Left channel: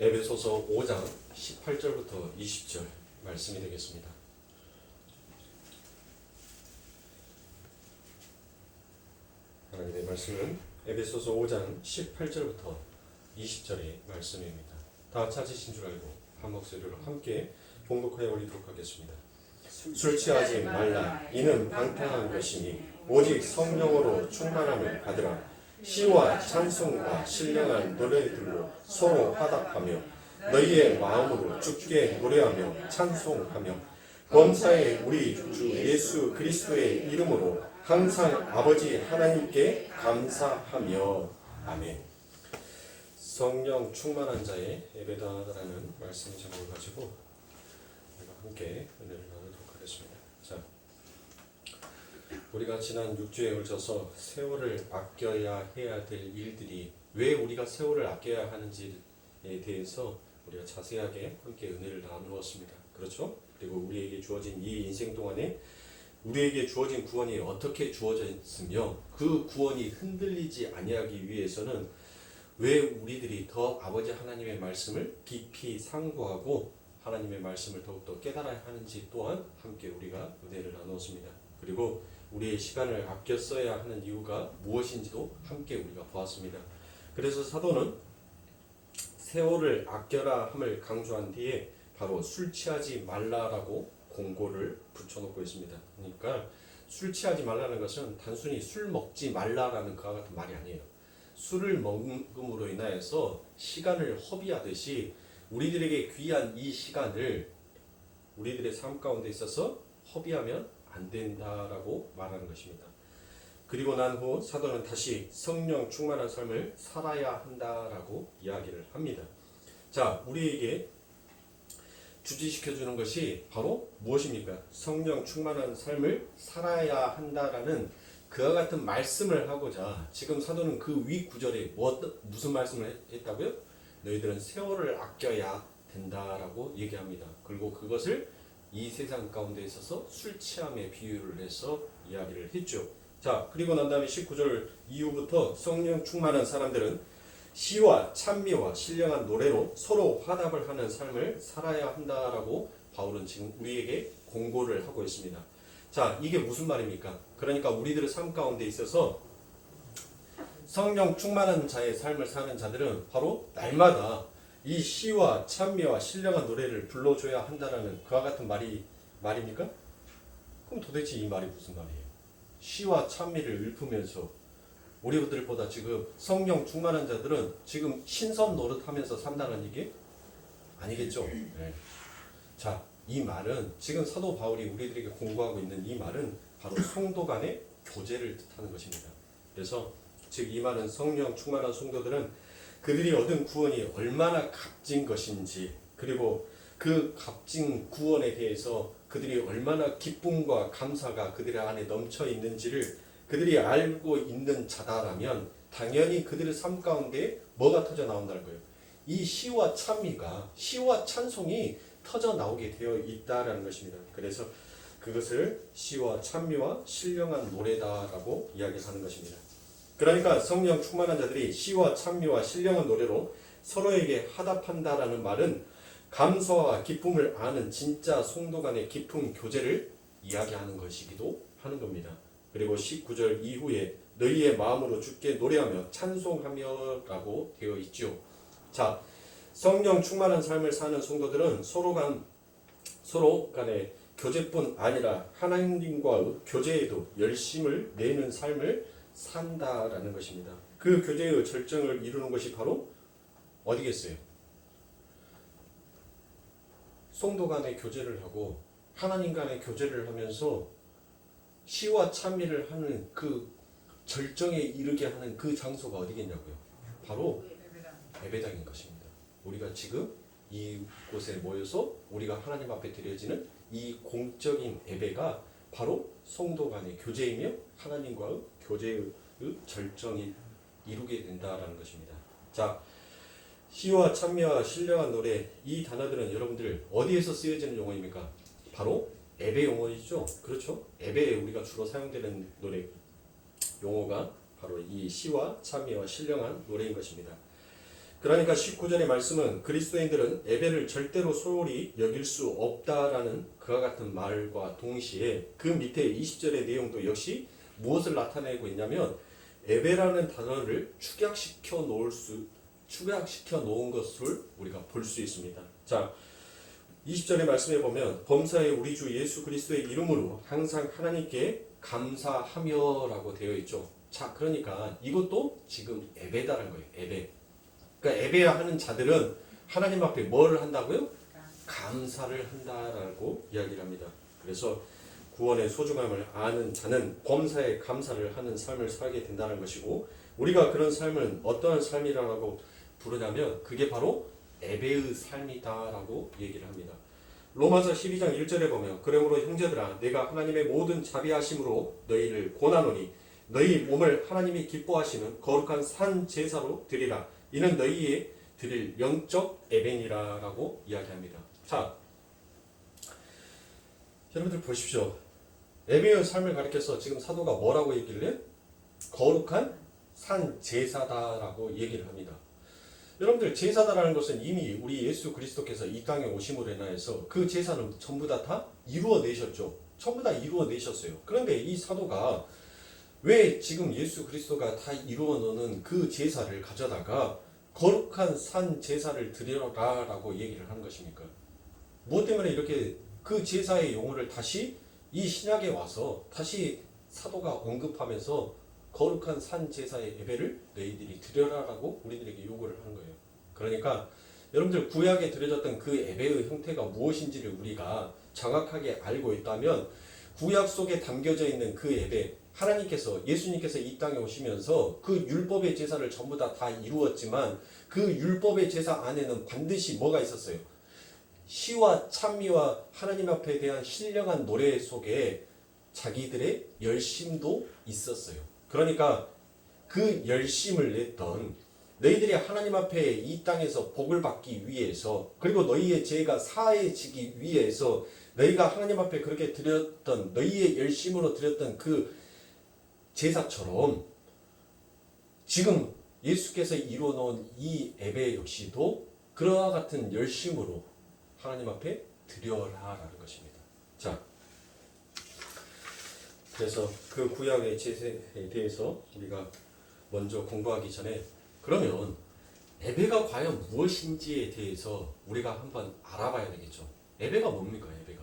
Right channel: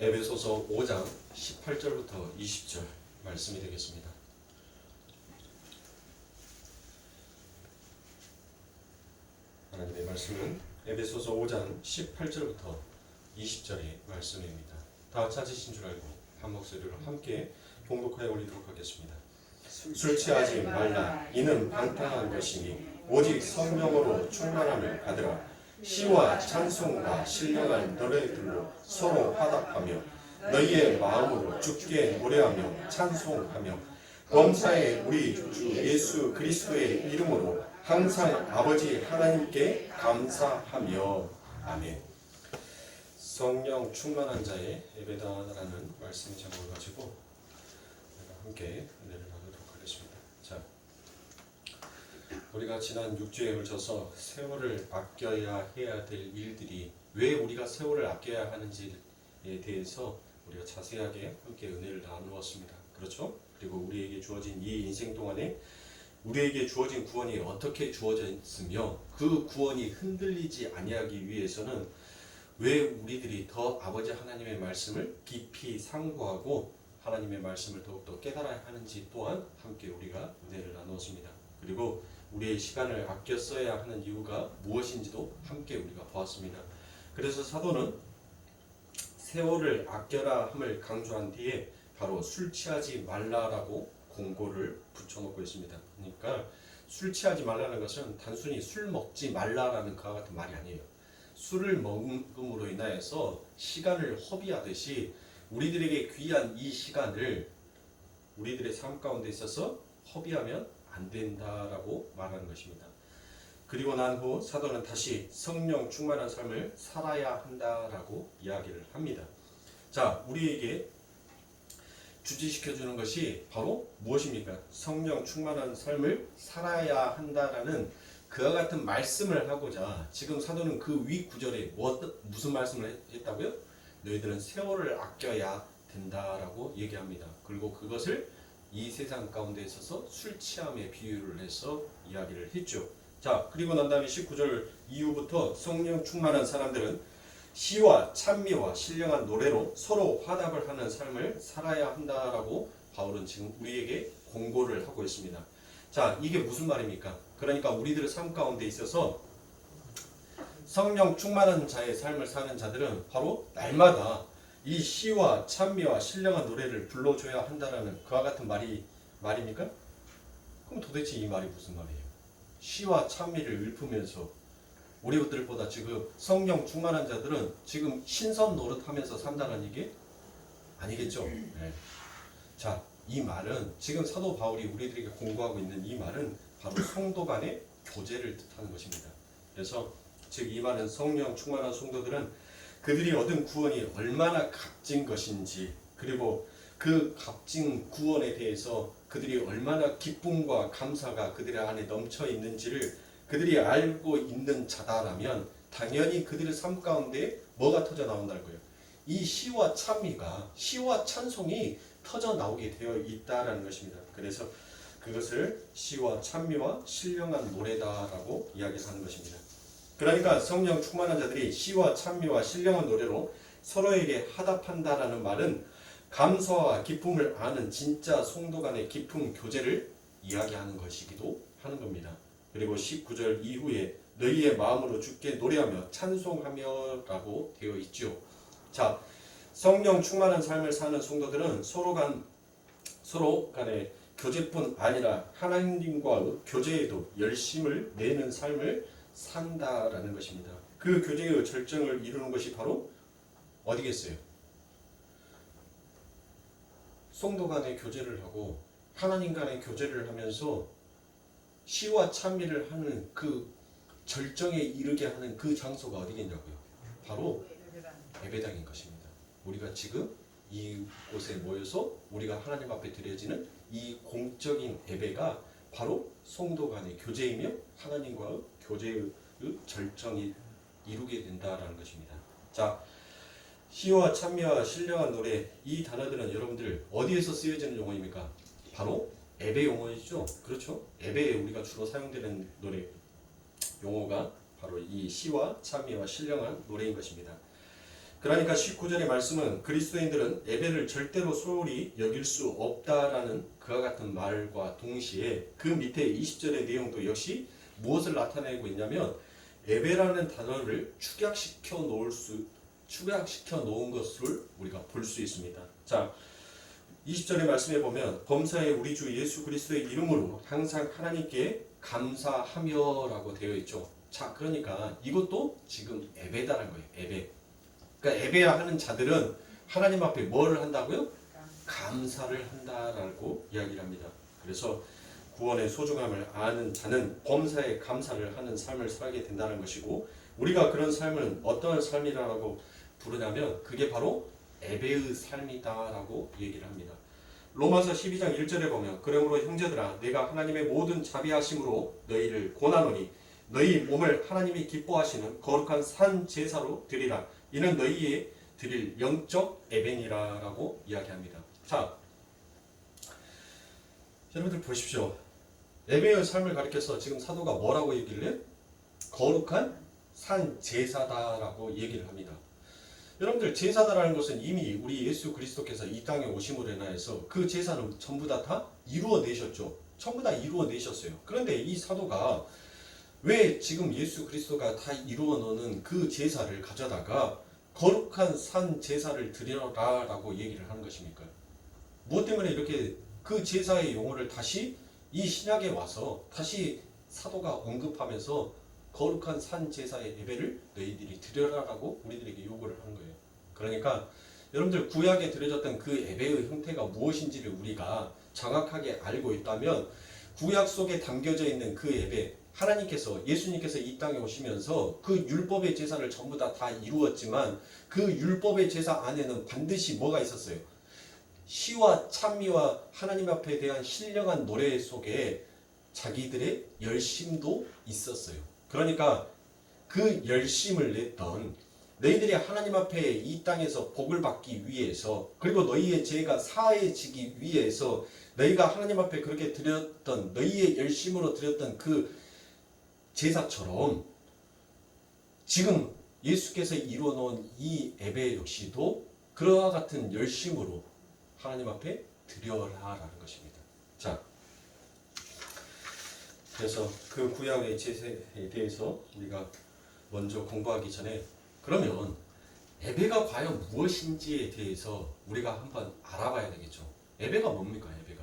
에베소서 5장 18절부터 20절 말씀이 되겠습니다. 하나님의 말씀은 에베소서 5장 18절부터 20절의 말씀입니다. 다 찾으신 줄 알고 한 목소리로 함께 봉독하여 올리도록 하겠습니다. 술 취하지 말라. 이는 방탕한 것이니 오직 성령으로 충만함을 받으라. 시와 찬송과 신령한 노래들로 서로 화답하며 너희의 마음으로 주께 노래하며 찬송하며 범사에 우리 주 예수 그리스도의 이름으로 항상 아버지 하나님께 감사하며 아멘. 성령 충만한 자의 예배다라는 말씀 제목을 가지고 함께 은혜를 나누도록 하겠습니다. 자, 우리가 지난 6주에 걸쳐서 세월을 아껴야 해야 될 일들이 왜 우리가 세월을 아껴야 하는지에 대해서 우리가 자세하게 함께 은혜를 나누었습니다. 그렇죠? 그리고 우리에게 주어진 이 인생 동안에 우리에게 주어진 구원이 어떻게 주어져 있으며 그 구원이 흔들리지 아니하기 위해서는 왜 우리들이 더 아버지 하나님의 말씀을 깊이 상고하고 하나님의 말씀을 더욱더 깨달아야 하는지 또한 함께 우리가 은혜를 나누었습니다. 그리고 우리의 시간을 아껴 써야 하는 이유가 무엇인지도 함께 우리가 보았습니다. 그래서 사도는 세월을 아껴라 함을 강조한 뒤에 바로 술 취하지 말라라고 공고를 붙여놓고 있습니다. 그러니까 술 취하지 말라는 것은 단순히 술 먹지 말라라는 그와 같은 말이 아니에요. 술을 먹음으로 인하여서 시간을 허비하듯이 우리들에게 귀한 이 시간을 우리들의 삶 가운데 있어서 허비하면 안 된다라고 말하는 것입니다. 그리고 난 후 사도는 다시 성령 충만한 삶을 살아야 한다라고 이야기를 합니다. 자, 우리에게 주지시켜주는 것이 바로 무엇입니까? 성령 충만한 삶을 살아야 한다라는 그와 같은 말씀을 하고자 지금 사도는 그 위 구절에 무슨 말씀을 했다고요? 너희들은 세월을 아껴야 된다라고 얘기합니다. 그리고 그것을 이 세상 가운데 있어서 술 취함에 비유를 해서 이야기를 했죠. 자, 그리고 난 다음에 19절 이후부터 성령 충만한 사람들은 시와 찬미와 신령한 노래로 서로 화답을 하는 삶을 살아야 한다라고 바울은 지금 우리에게 공고를 하고 있습니다. 자, 이게 무슨 말입니까? 그러니까 우리들의 삶 가운데 있어서 성령 충만한 자의 삶을 사는 자들은 바로 날마다 이 시와 찬미와 신령한 노래를 불러줘야 한다는 그와 같은 말입니까? 그럼 도대체 이 말이 무슨 말이에요? 시와 찬미를 읊으면서 우리들보다 지금 성령 충만한 자들은 지금 신선 노릇하면서 산다는 얘기? 아니겠죠? 네. 자, 이 말은 지금 사도 바울이 우리들에게 공부하고 있는 이 말은 바로 성도 간의 교제를 뜻하는 것입니다. 그래서 즉 이 말은 성령 충만한 성도들은 그들이 얻은 구원이 얼마나 값진 것인지 그리고 그 값진 구원에 대해서 그들이 얼마나 기쁨과 감사가 그들의 안에 넘쳐 있는지를 그들이 알고 있는 자다라면 당연히 그들의 삶 가운데 뭐가 터져 나온다는 거예요. 이 시와 찬미가 시와 찬송이 터져 나오게 되어 있다라는 것입니다. 그래서 그것을 시와 찬미와 신령한 노래다라고 이야기하는 것입니다. 그러니까 성령 충만한 자들이 시와 찬미와 신령한 노래로 서로에게 화답한다라는 말은 감사와 기쁨을 아는 진짜 성도 간의 깊은 교제를 이야기하는 것이기도 하는 겁니다. 그리고 19절 이후에 너희의 마음으로 주께 노래하며 찬송하며 라고 되어 있죠. 자, 성령 충만한 삶을 사는 성도들은 서로 간의 교제뿐 아니라 하나님과 교제에도 열심을 내는 삶을 산다라는 것입니다. 그 교제의 절정을 이루는 것이 바로 어디겠어요? 성도 간의 교제를 하고 하나님 간의 교제를 하면서 시와 찬미를 하는 그 절정에 이르게 하는 그 장소가 어디겠냐고요? 바로 예배당인 것입니다. 우리가 지금 이곳에 모여서 우리가 하나님 앞에 드려지는 이 공적인 예배가 바로 성도 간의 교제이며 하나님과의 교제의 절정이 이루게 된다라는 것입니다. 자, 시와 찬미와 신령한 노래 이 단어들은 여러분들 어디에서 쓰여지는 용어입니까? 바로 예배 용어이죠. 그렇죠? 예배에 우리가 주로 사용되는 노래 용어가 바로 이 시와 찬미와 신령한 노래인 것입니다. 그러니까 19절의 말씀은 그리스도인들은 예배를 절대로 소홀히 여길 수 없다라는 그와 같은 말과 동시에 그 밑에 20절의 내용도 역시 무엇을 나타내고 있냐면 예배라는 단어를 축약시켜 놓은 것을 우리가 볼 수 있습니다. 자, 20절의 말씀에 보면 범사에 우리 주 예수 그리스도의 이름으로 항상 하나님께 감사하며라고 되어 있죠. 자, 그러니까 이것도 지금 예배다라는 거예요. 예배. 그러니까 예배야 하는 자들은 하나님 앞에 뭐를 한다고요? 감사를 한다라고 이야기를 합니다. 그래서 구원의 소중함을 아는 자는 범사에 감사를 하는 삶을 살게 된다는 것이고, 우리가 그런 삶은 어떠한 삶이라고 부르냐면 그게 바로 예배의 삶이다라고 얘기를 합니다. 로마서 12장 1절에 보면 그러므로 형제들아 내가 하나님의 모든 자비하심으로 너희를 권하노니 너희 몸을 하나님이 기뻐하시는 거룩한 산 제사로 드리라. 이는 너희의 드릴 영적 예배니라라고 이야기합니다. 자, 여러분들 보십시오. 예배의 삶을 가리켜서 지금 사도가 뭐라고 얘기를 해? 거룩한 산 제사다라고 얘기를 합니다. 여러분들 제사다라는 것은 이미 우리 예수 그리스도께서 이 땅에 오심으로 인하여서 그 제사는 전부 다 이루어내셨죠. 전부 다 이루어내셨어요. 그런데 이 사도가 왜 지금 예수 그리스도가 다 이루어놓는 그 제사를 가져다가 거룩한 산 제사를 드려라라고 얘기를 하는 것입니까? 무엇 때문에 이렇게 그 제사의 용어를 다시 이 신약에 와서 다시 사도가 언급하면서 거룩한 산 제사의 예배를 너희들이 드려라라고 우리들에게 요구를 하는 거예요. 그러니까 여러분들 구약에 드려졌던 그 예배의 형태가 무엇인지를 우리가 정확하게 알고 있다면 구약 속에 담겨져 있는 그 예배, 하나님께서 예수님께서 이 땅에 오시면서 그 율법의 제사를 전부 다 이루었지만 그 율법의 제사 안에는 반드시 뭐가 있었어요? 시와 찬미와 하나님 앞에 대한 신령한 노래 속에 자기들의 열심도 있었어요. 그러니까 그 열심을 냈던 너희들이 하나님 앞에 이 땅에서 복을 받기 위해서, 그리고 너희의 죄가 사해지기 위해서 너희가 하나님 앞에 그렇게 드렸던 너희의 열심으로 드렸던 그 제사처럼 지금 예수께서 이루어놓은 이 예배 역시도 그와 같은 열심으로 하나님 앞에 드려라라는 것입니다. 자, 그래서 그 구약의 제사에 대해서 우리가 먼저 공부하기 전에 그러면 예배가 과연 무엇인지에 대해서 우리가 한번 알아봐야 되겠죠. 예배가 뭡니까? 예배가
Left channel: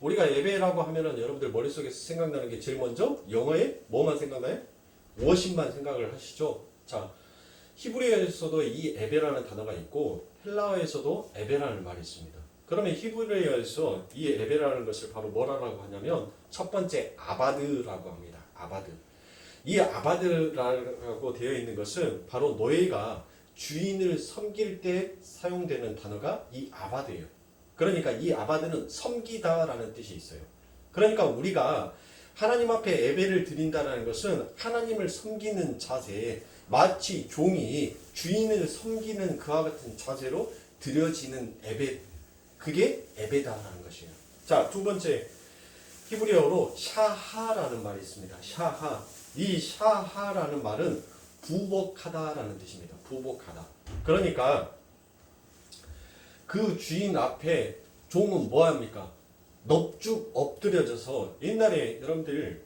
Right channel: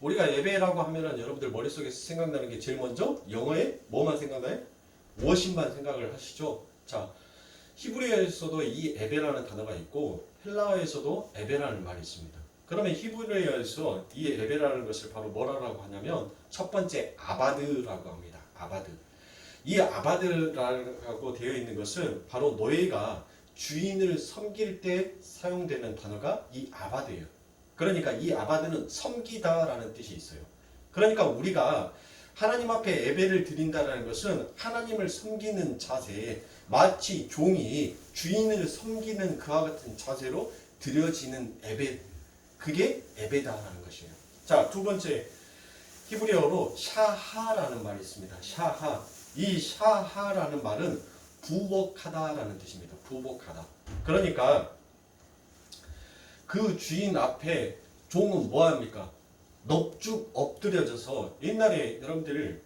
우리가 예배라고 하면은 여러분들 머릿속에서 생각나는 게 제일 먼저 영어에 뭐만 생각나요? 워십만 생각을 하시죠. 자, 히브리어에서도 이 예배라는 단어가 있고 헬라어에서도 예배라는 말이 있습니다. 그러면 히브리어에서 이 예배라는 것을 바로 뭐라고 하냐면 첫 번째 아바드라고 합니다. 아바드. 이 아바드라고 되어 있는 것은 바로 너희가 주인을 섬길 때 사용되는 단어가 이 아바드예요. 그러니까 이 아바드는 섬기다라는 뜻이 있어요. 그러니까 우리가 하나님 앞에 예배를 드린다는 것은 하나님을 섬기는 자세, 마치 종이 주인을 섬기는 그와 같은 자세로 드려지는 예배, 그게 예배다라는 것이에요. 자, 두 번째 히브리어로 샤하라는 말이 있습니다. 샤하. 이 샤하라는 말은 부복하다라는 뜻입니다. 부복하다. 그러니까 그 주인 앞에 종은 뭐 합니까? 넙죽 엎드려져서, 옛날에 여러분들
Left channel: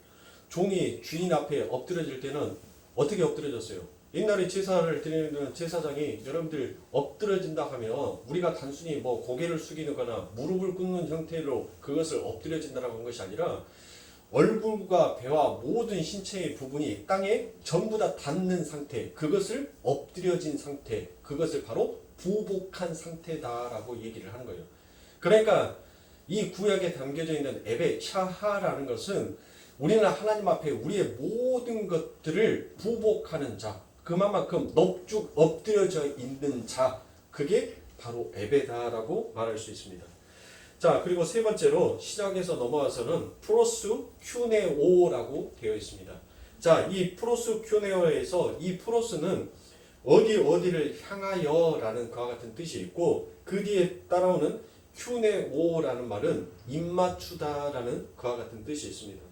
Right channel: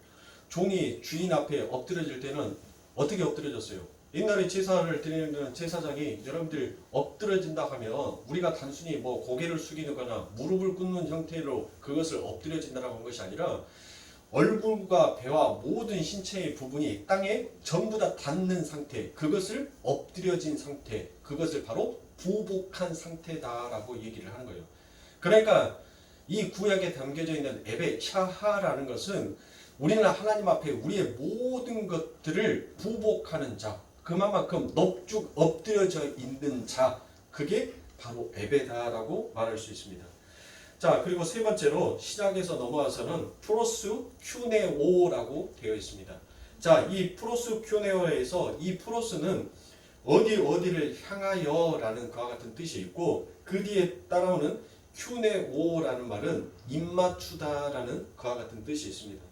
종이 주인 앞에 엎드려질 때는 어떻게 엎드려졌어요? 옛날에 제사를 드리는 제사장이 여러분들 엎드려진다 하면 우리가 단순히 뭐 고개를 숙이거나 무릎을 꿇는 형태로 그것을 엎드려진다라고 한 것이 아니라 얼굴과 배와 모든 신체의 부분이 땅에 전부 다 닿는 상태, 그것을 엎드려진 상태, 그것을 바로 부복한 상태다라고 얘기를 하는 거예요. 그러니까 이 구약에 담겨져 있는 예배 샤하라는 것은 우리는 하나님 앞에 우리의 모든 것들을 부복하는 자, 그만큼 넙죽 엎드려져 있는 자, 그게 바로 예배다라고 말할 수 있습니다. 자, 그리고 세 번째로 시작에서 넘어와서는 프로스큐네오라고 되어 있습니다. 자, 이 프로스큐네오에서 이 프로스는 어디를 향하여라는 그와 같은 뜻이 있고 그 뒤에 따라오는 큐네오라는 말은 입맞추다라는 그와 같은 뜻이 있습니다.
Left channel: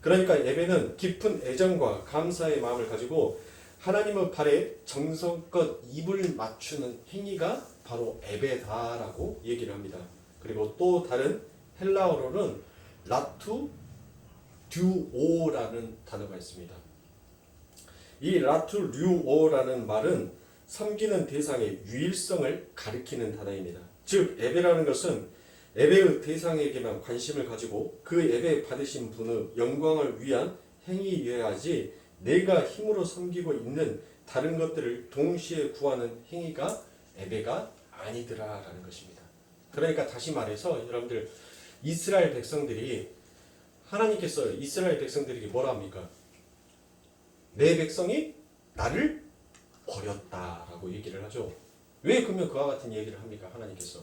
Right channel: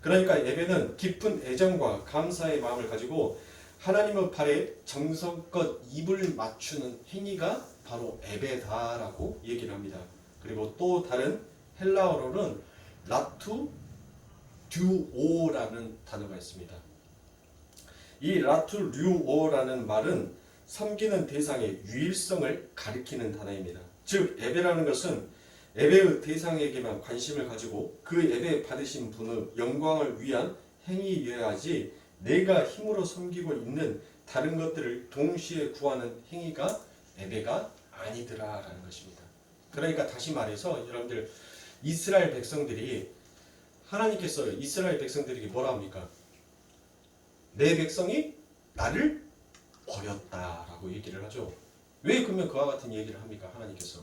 그러니까 예배는 깊은 애정과 감사의 마음을 가지고 하나님의 발에 정성껏 입을 맞추는 행위가 바로 예배다라고 얘기를 합니다. 그리고 또 다른 헬라어로는 라투 듀오라는 단어가 있습니다. 이 라투 듀오라는 말은 섬기는 대상의 유일성을 가리키는 단어입니다. 즉 예배라는 것은 예배의 대상에게만 관심을 가지고 그 예배 받으신 분의 영광을 위한 행위여야지 내가 힘으로 섬기고 있는 다른 것들을 동시에 구하는 행위가 예배가 아니더라라는 것입니다. 그러니까 다시 말해서 여러분들 이스라엘 백성들이 하나님께서 이스라엘 백성들에게 뭐라 합니까? 내 백성이 나를 버렸다라고 얘기를 하죠. 왜 그러면 그와 같은 얘기를 합니까? 하나님께서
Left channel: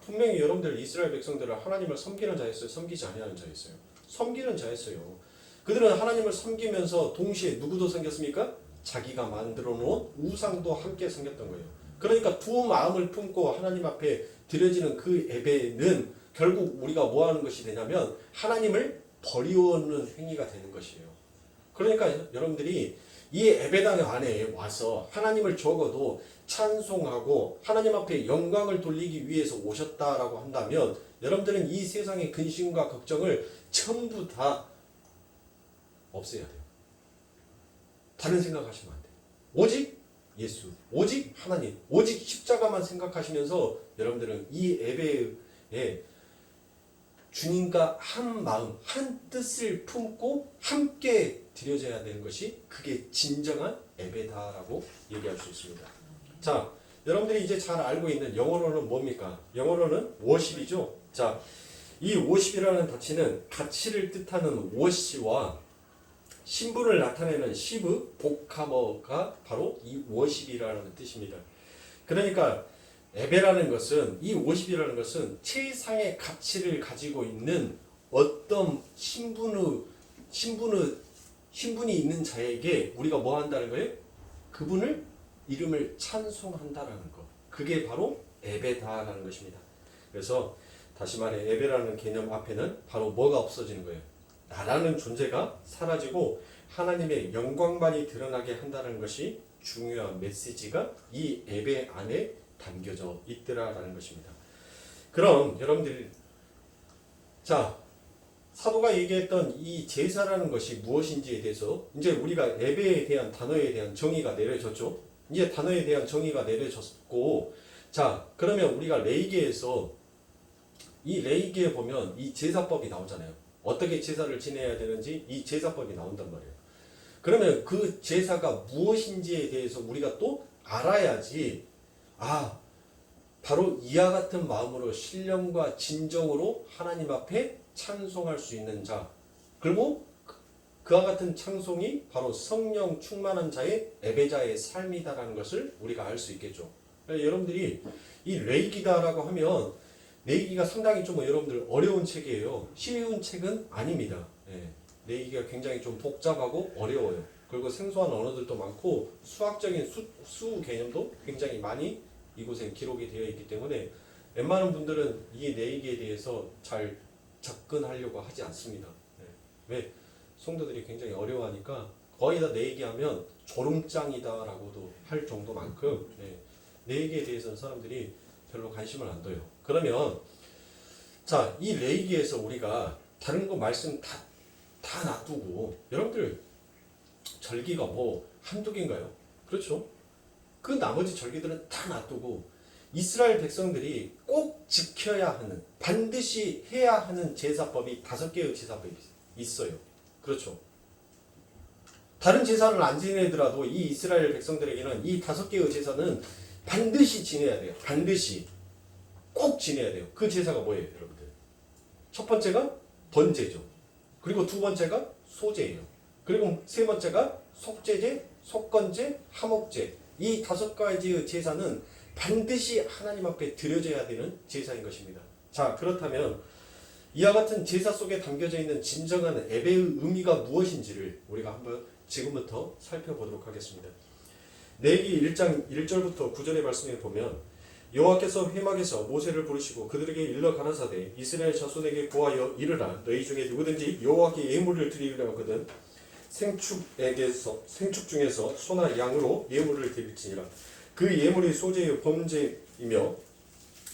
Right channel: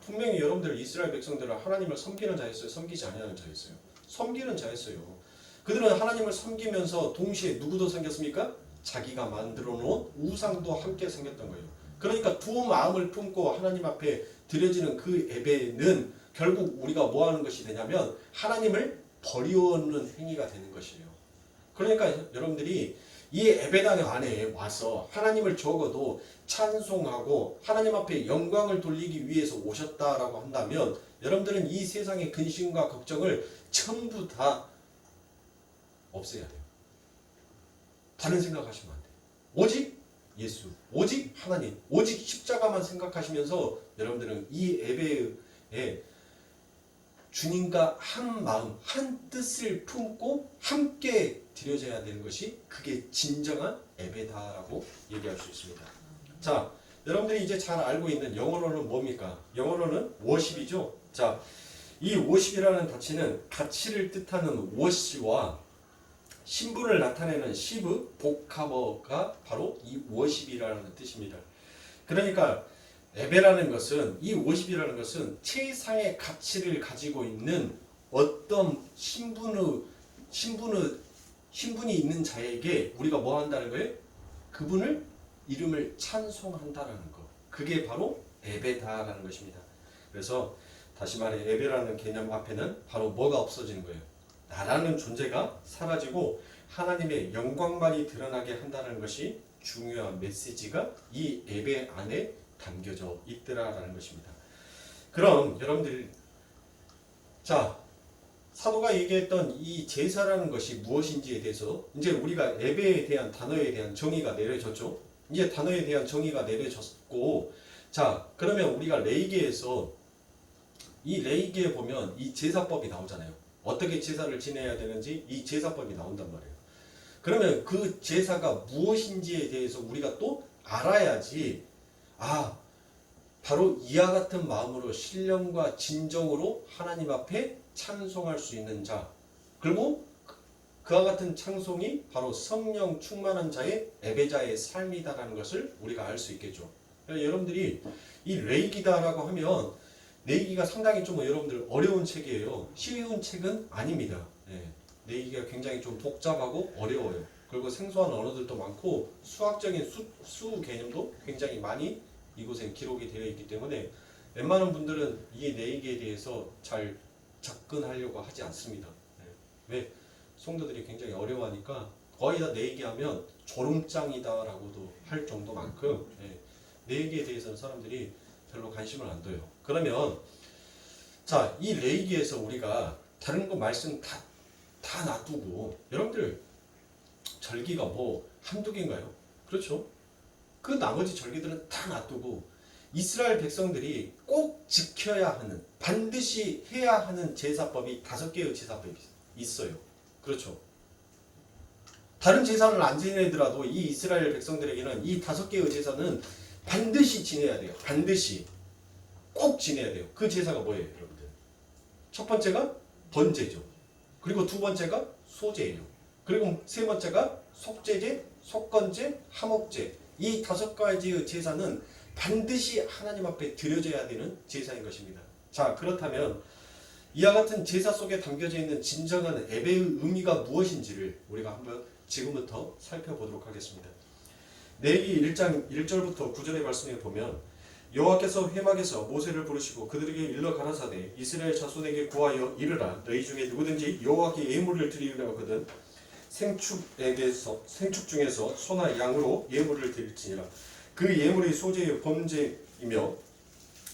분명히 여러분들 이스라엘 백성들은 하나님을 섬기는 자였어요? 섬기지 아니하는 자였어요? 섬기는 자였어요. 그들은 하나님을 섬기면서 동시에 누구도 섬겼습니까? 자기가 만들어 놓은 우상도 함께 섬겼던 거예요. 그러니까 두 마음을 품고 하나님 앞에 드려지는 그 예배는 결국 우리가 뭐 하는 것이 되냐면 하나님을 버리는 행위가 되는 것이에요. 그러니까 여러분들이 이 예배당 안에 와서 하나님을 적어도 찬송하고 하나님 앞에 영광을 돌리기 위해서 오셨다라고 한다면 여러분들은 이 세상의 근심과 걱정을 전부 다 없애야 돼요. 다른 생각하시면 안 돼요. 오직 예수, 오직 하나님, 오직 십자가만 생각하시면서 여러분들은 이 예배에 주님과 한 마음, 한 뜻을 품고 함께 드려져야 되는 것이 그게 진정한 예배다라고 얘기할 수 있습니다. 자, 여러분들이 이제 잘 알고 있는 영어로는 뭡니까? 영어로는 워십이죠. 자, 이 워십이라는 가치는 가치를 뜻하는 워시와 신분을 나타내는 시브 복합어가 바로 이 워십이라는 뜻입니다. 그러니까 예배라는 것은 이 워십이라는 것은 최상의 가치를 가지고 있는 어떤 신분이 있는 자에게 우리가 뭐 한다는 거예요? 그분을 이름을 찬송한다라는 것. 그게 바로 예배다라는 것입니다. 그래서 다시 말해 예배라는 개념 앞에는 바로 뭐가 없어지는 거예요? 나라는 존재가 사라지고 하나님의 영광만이 드러나게 한다는 것이 중요한 메시지가 이 예배 안에 담겨져 있더라라는 것입니다. 그럼 여러분들 자 사도가 얘기했던 이 제사라는 것이 무엇인지에 대해서 이제 우리가 예배에 대한 단어에 대한 정의가 내려졌죠. 이제 단어에 대한 정의가 내려졌고 자 그러면 우리가 레위기에서 이 레위기에 보면 이 제사법이 나오잖아요. 어떻게 제사를 지내야 되는지 이 제사법이 나온단 말이에요. 그러면 그 제사가 무엇인지에 대해서 우리가 또 알아야지 바로 이와 같은 마음으로 신령과 진정으로 하나님 앞에 찬송할 수 있는 자 그리고 그와 같은 찬송이 바로 성령 충만한 자의 예배자의 삶이다라는 것을 우리가 알 수 있겠죠. 여러분들이 이 레위기다라고 하면 레위기가 상당히 좀 여러분들 어려운 책이에요. 쉬운 책은 아닙니다. 레위기가 굉장히 좀 복잡하고 어려워요. 그리고 생소한 언어들도 많고 수학적인 수 개념도 굉장히 많이 이곳에 기록이 되어 있기 때문에 웬만한 분들은 이 레위기에 대해서 잘 접근하려고 하지 않습니다. 왜? 성도들이 굉장히 어려워하니까 거의 다 레위기하면 조름장이다라고도 할 정도만큼 레위기에 대해서는 사람들이 별로 관심을 안 둬요. 그러면 자, 이 레위기에서 우리가 다른 거 말씀 다 놔두고 여러분들 절기가 뭐 한두 개인가요? 그렇죠? 그 나머지 절기들은 다 놔두고 이스라엘 백성들이 꼭 지켜야 하는 반드시 해야 하는 제사법이 5개의 제사법이 있어요. 그렇죠? 다른 제사는 안 지내더라도 이 이스라엘 백성들에게는 이 5개의 제사는 반드시 지내야 돼요. 반드시 꼭 지내야 돼요. 그 제사가 뭐예요, 여러분들? 첫 번째가 번제죠. 그리고 두 번째가 소제예요. 그리고 세 번째가 속제제, 속건제, 화목제. 이 5가지의 제사는 반드시 하나님 앞에 드려져야 되는 제사인 것입니다. 자, 그렇다면 이와 같은 제사 속에 담겨져 있는 진정한 예배의 의미가 무엇인지를 우리가 한번 지금부터 살펴보도록 하겠습니다. 레위기 1장 1절부터 9절의 말씀에 보면 여호와께서 회막에서 모세를 부르시고 그들에게 일러 가라사대 이스라엘 자손에게 구하여 이르라 너희 중에 누구든지 여호와께 예물을 드리려거든 생축 중에서 소나 양으로 예물을 드릴지니라. 그 예물의 소재의 번제이며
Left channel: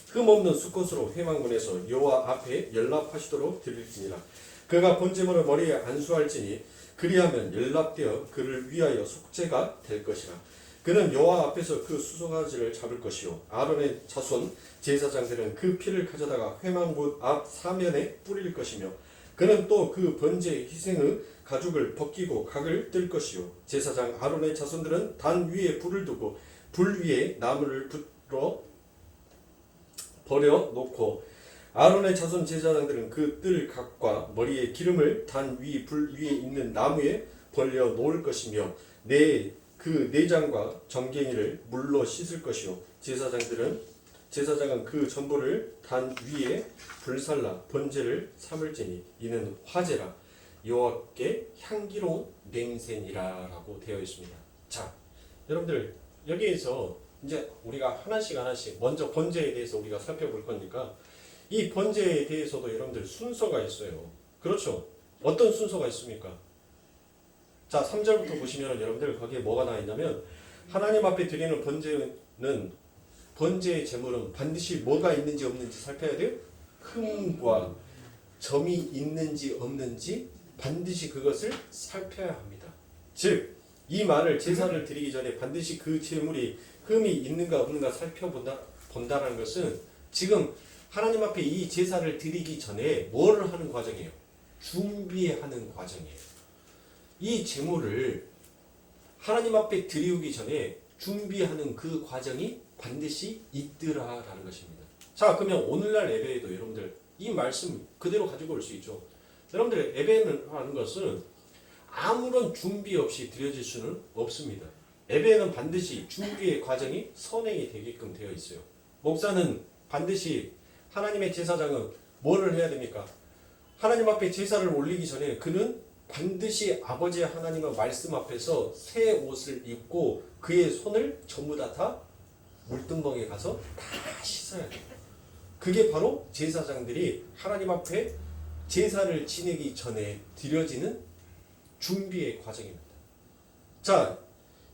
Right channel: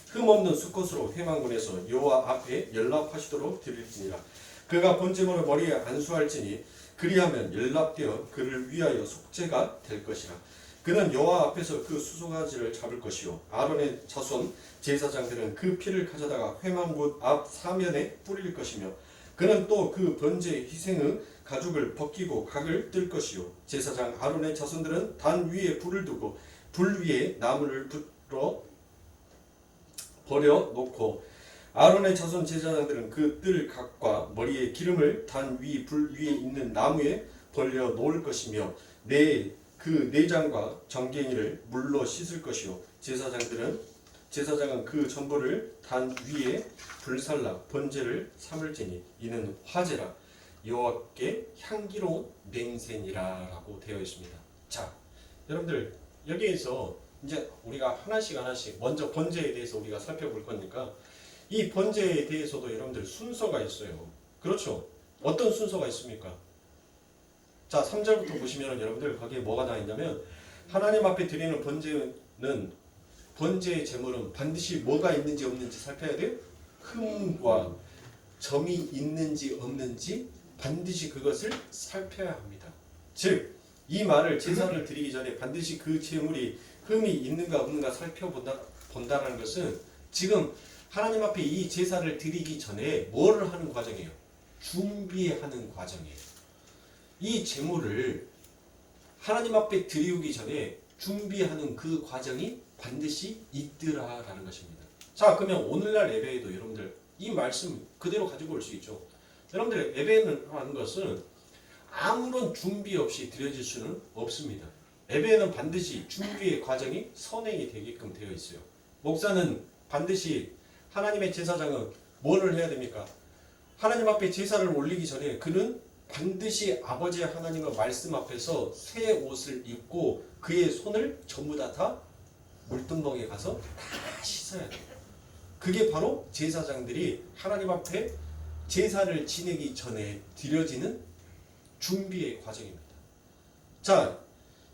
흠없는 수컷으로 회막문에서 여호와 앞에 연락하시도록 드릴지니라. 그가 번제물을 머리에 안수할지니 그리하면 연락되어 그를 위하여 속죄가 될 것이라. 그는 여호와 앞에서 그 수송아지를 잡을 것이요 아론의 자손 제사장들은 그 피를 가져다가 회막문 앞 사면에 뿌릴 것이며 그는 또 그 번제 희생의 가죽을 벗기고 각을 뜰 것이요 제사장 아론의 자손들은 단 위에 불을 두고 불 위에 나무를 버려 놓고 아론의 자손 제사장들은 그 뜰 각과 머리에 기름을 단 위 불 위에 있는 나무에 벌려 놓을 것이며 그 내장과 정갱이를 물로 씻을 것이요 제사장은 그 전부를 단 위에 불살라 번제를 삼을지니 이는 화제라 여호와께 향기로운 냄새니라라고 되어 있습니다. 자, 여러분들 여기에서 이제 우리가 하나씩 먼저 번제에 대해서 우리가 살펴볼 거니까 이 번제에 대해서도 여러분들 순서가 있어요. 그렇죠? 어떤 순서가 있습니까? 자, 3절부터 보시면 여러분들 거기에 뭐가 나와 있냐면 하나님 앞에 드리는 번제의 제물은 반드시 뭐가 있는지 없는지 살펴야 돼요. 흠과 점이 있는지 없는지 반드시 그것을 살펴야 합니다. 즉, 이 말을 제사를 드리기 전에 반드시 그 제물이 흠이 있는가 없는가 살펴본다는 것은 지금 하나님 앞에 이 제사를 드리기 전에 뭐를 하는 과정이에요? 준비하는 과정이에요. 이 제물을 하나님 앞에 드리기 전에 준비하는 그 과정이 반드시 있더라라는 것입니다. 자, 그러면 오늘날 예배에도 여러분들 이 말씀 그대로 가지고 올 수 있죠. 여러분들 예배는 하는 것은 아무런 준비 없이 드려질 수는 없습니다. 예배는 반드시 준비의 과정이 선행이 되게끔 되어 있어요. 목사는 반드시 하나님의 제사장은 뭐를 해야 됩니까? 하나님 앞에 제사를 올리기 전에 그는 반드시 아버지 하나님의 말씀 앞에서 새 옷을 입고 그의 손을 전부 다 물두멍에 가서 다 씻어야 돼요. 그게 바로 제사장들이 하나님 앞에 제사를 지내기 전에 드려지는 준비의 과정입니다. 자,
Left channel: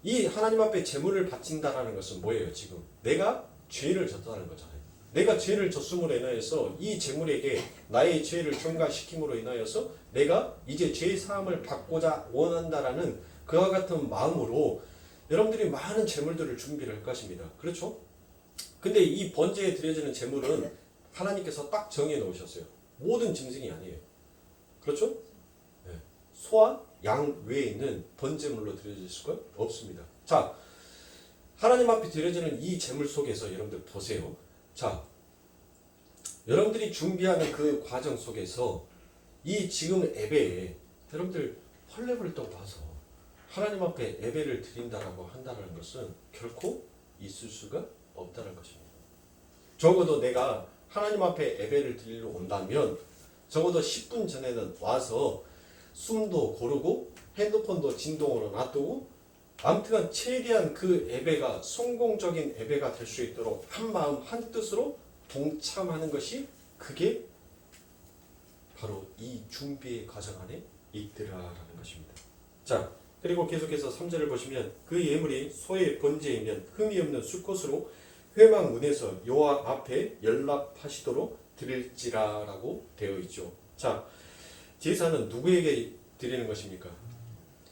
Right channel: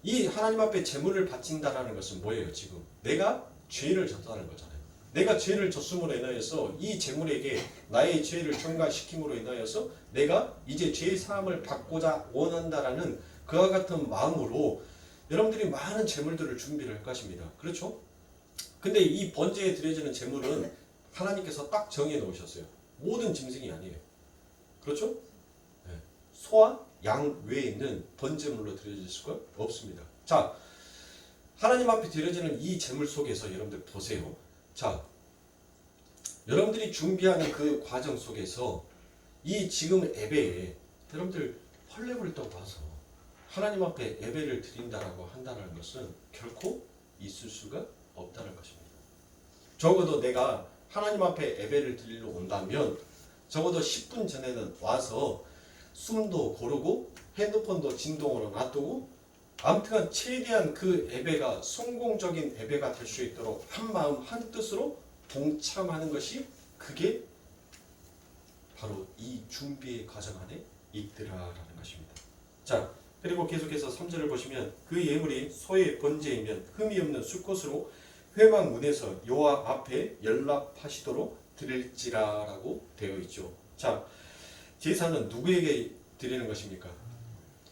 이 하나님 앞에 제물을 바친다라는 것은 뭐예요? 지금 내가 죄를 졌다는 거잖아요. 내가 죄를 졌음으로 인하여서 이 제물에게 나의 죄를 전가시킴으로 인하여서 내가 이제 죄 사함을 받고자 원한다라는 그와 같은 마음으로 여러분들이 많은 제물들을 준비를 할 것입니다. 그렇죠? 근데 이 번제에 드려지는 제물은 하나님께서 딱 정해 놓으셨어요. 모든 짐승이 아니에요. 그렇죠? 네. 소와 양 외에 있는 번제물로 드려질 수가 없습니다. 자, 하나님 앞에 드려지는 이 제물 속에서 여러분들 보세요. 자, 여러분들이 준비하는 그 과정 속에서 이 지금 예배에 여러분들 헐레벌떡 와서 하나님 앞에 예배를 드린다라고 한다는 것은 결코 있을 수가 없다는 것입니다. 적어도 내가 하나님 앞에 예배를 드리러 온다면 적어도 10분 전에는 와서 숨도 고르고 핸드폰도 진동으로 놔두고 아무튼 최대한 그 예배가 성공적인 예배가 될 수 있도록 한 마음 한 뜻으로 동참하는 것이 그게 바로 이 준비의 과정 안에 있더라라는 것입니다. 자, 그리고 계속해서 3절을 보시면 그 예물이 소의 번제이면 흠이 없는 수컷으로 회막 문에서 여호와 앞에 연락하시도록 드릴지라라고 되어 있죠. 자, 제사는 누구에게 드리는 것입니까?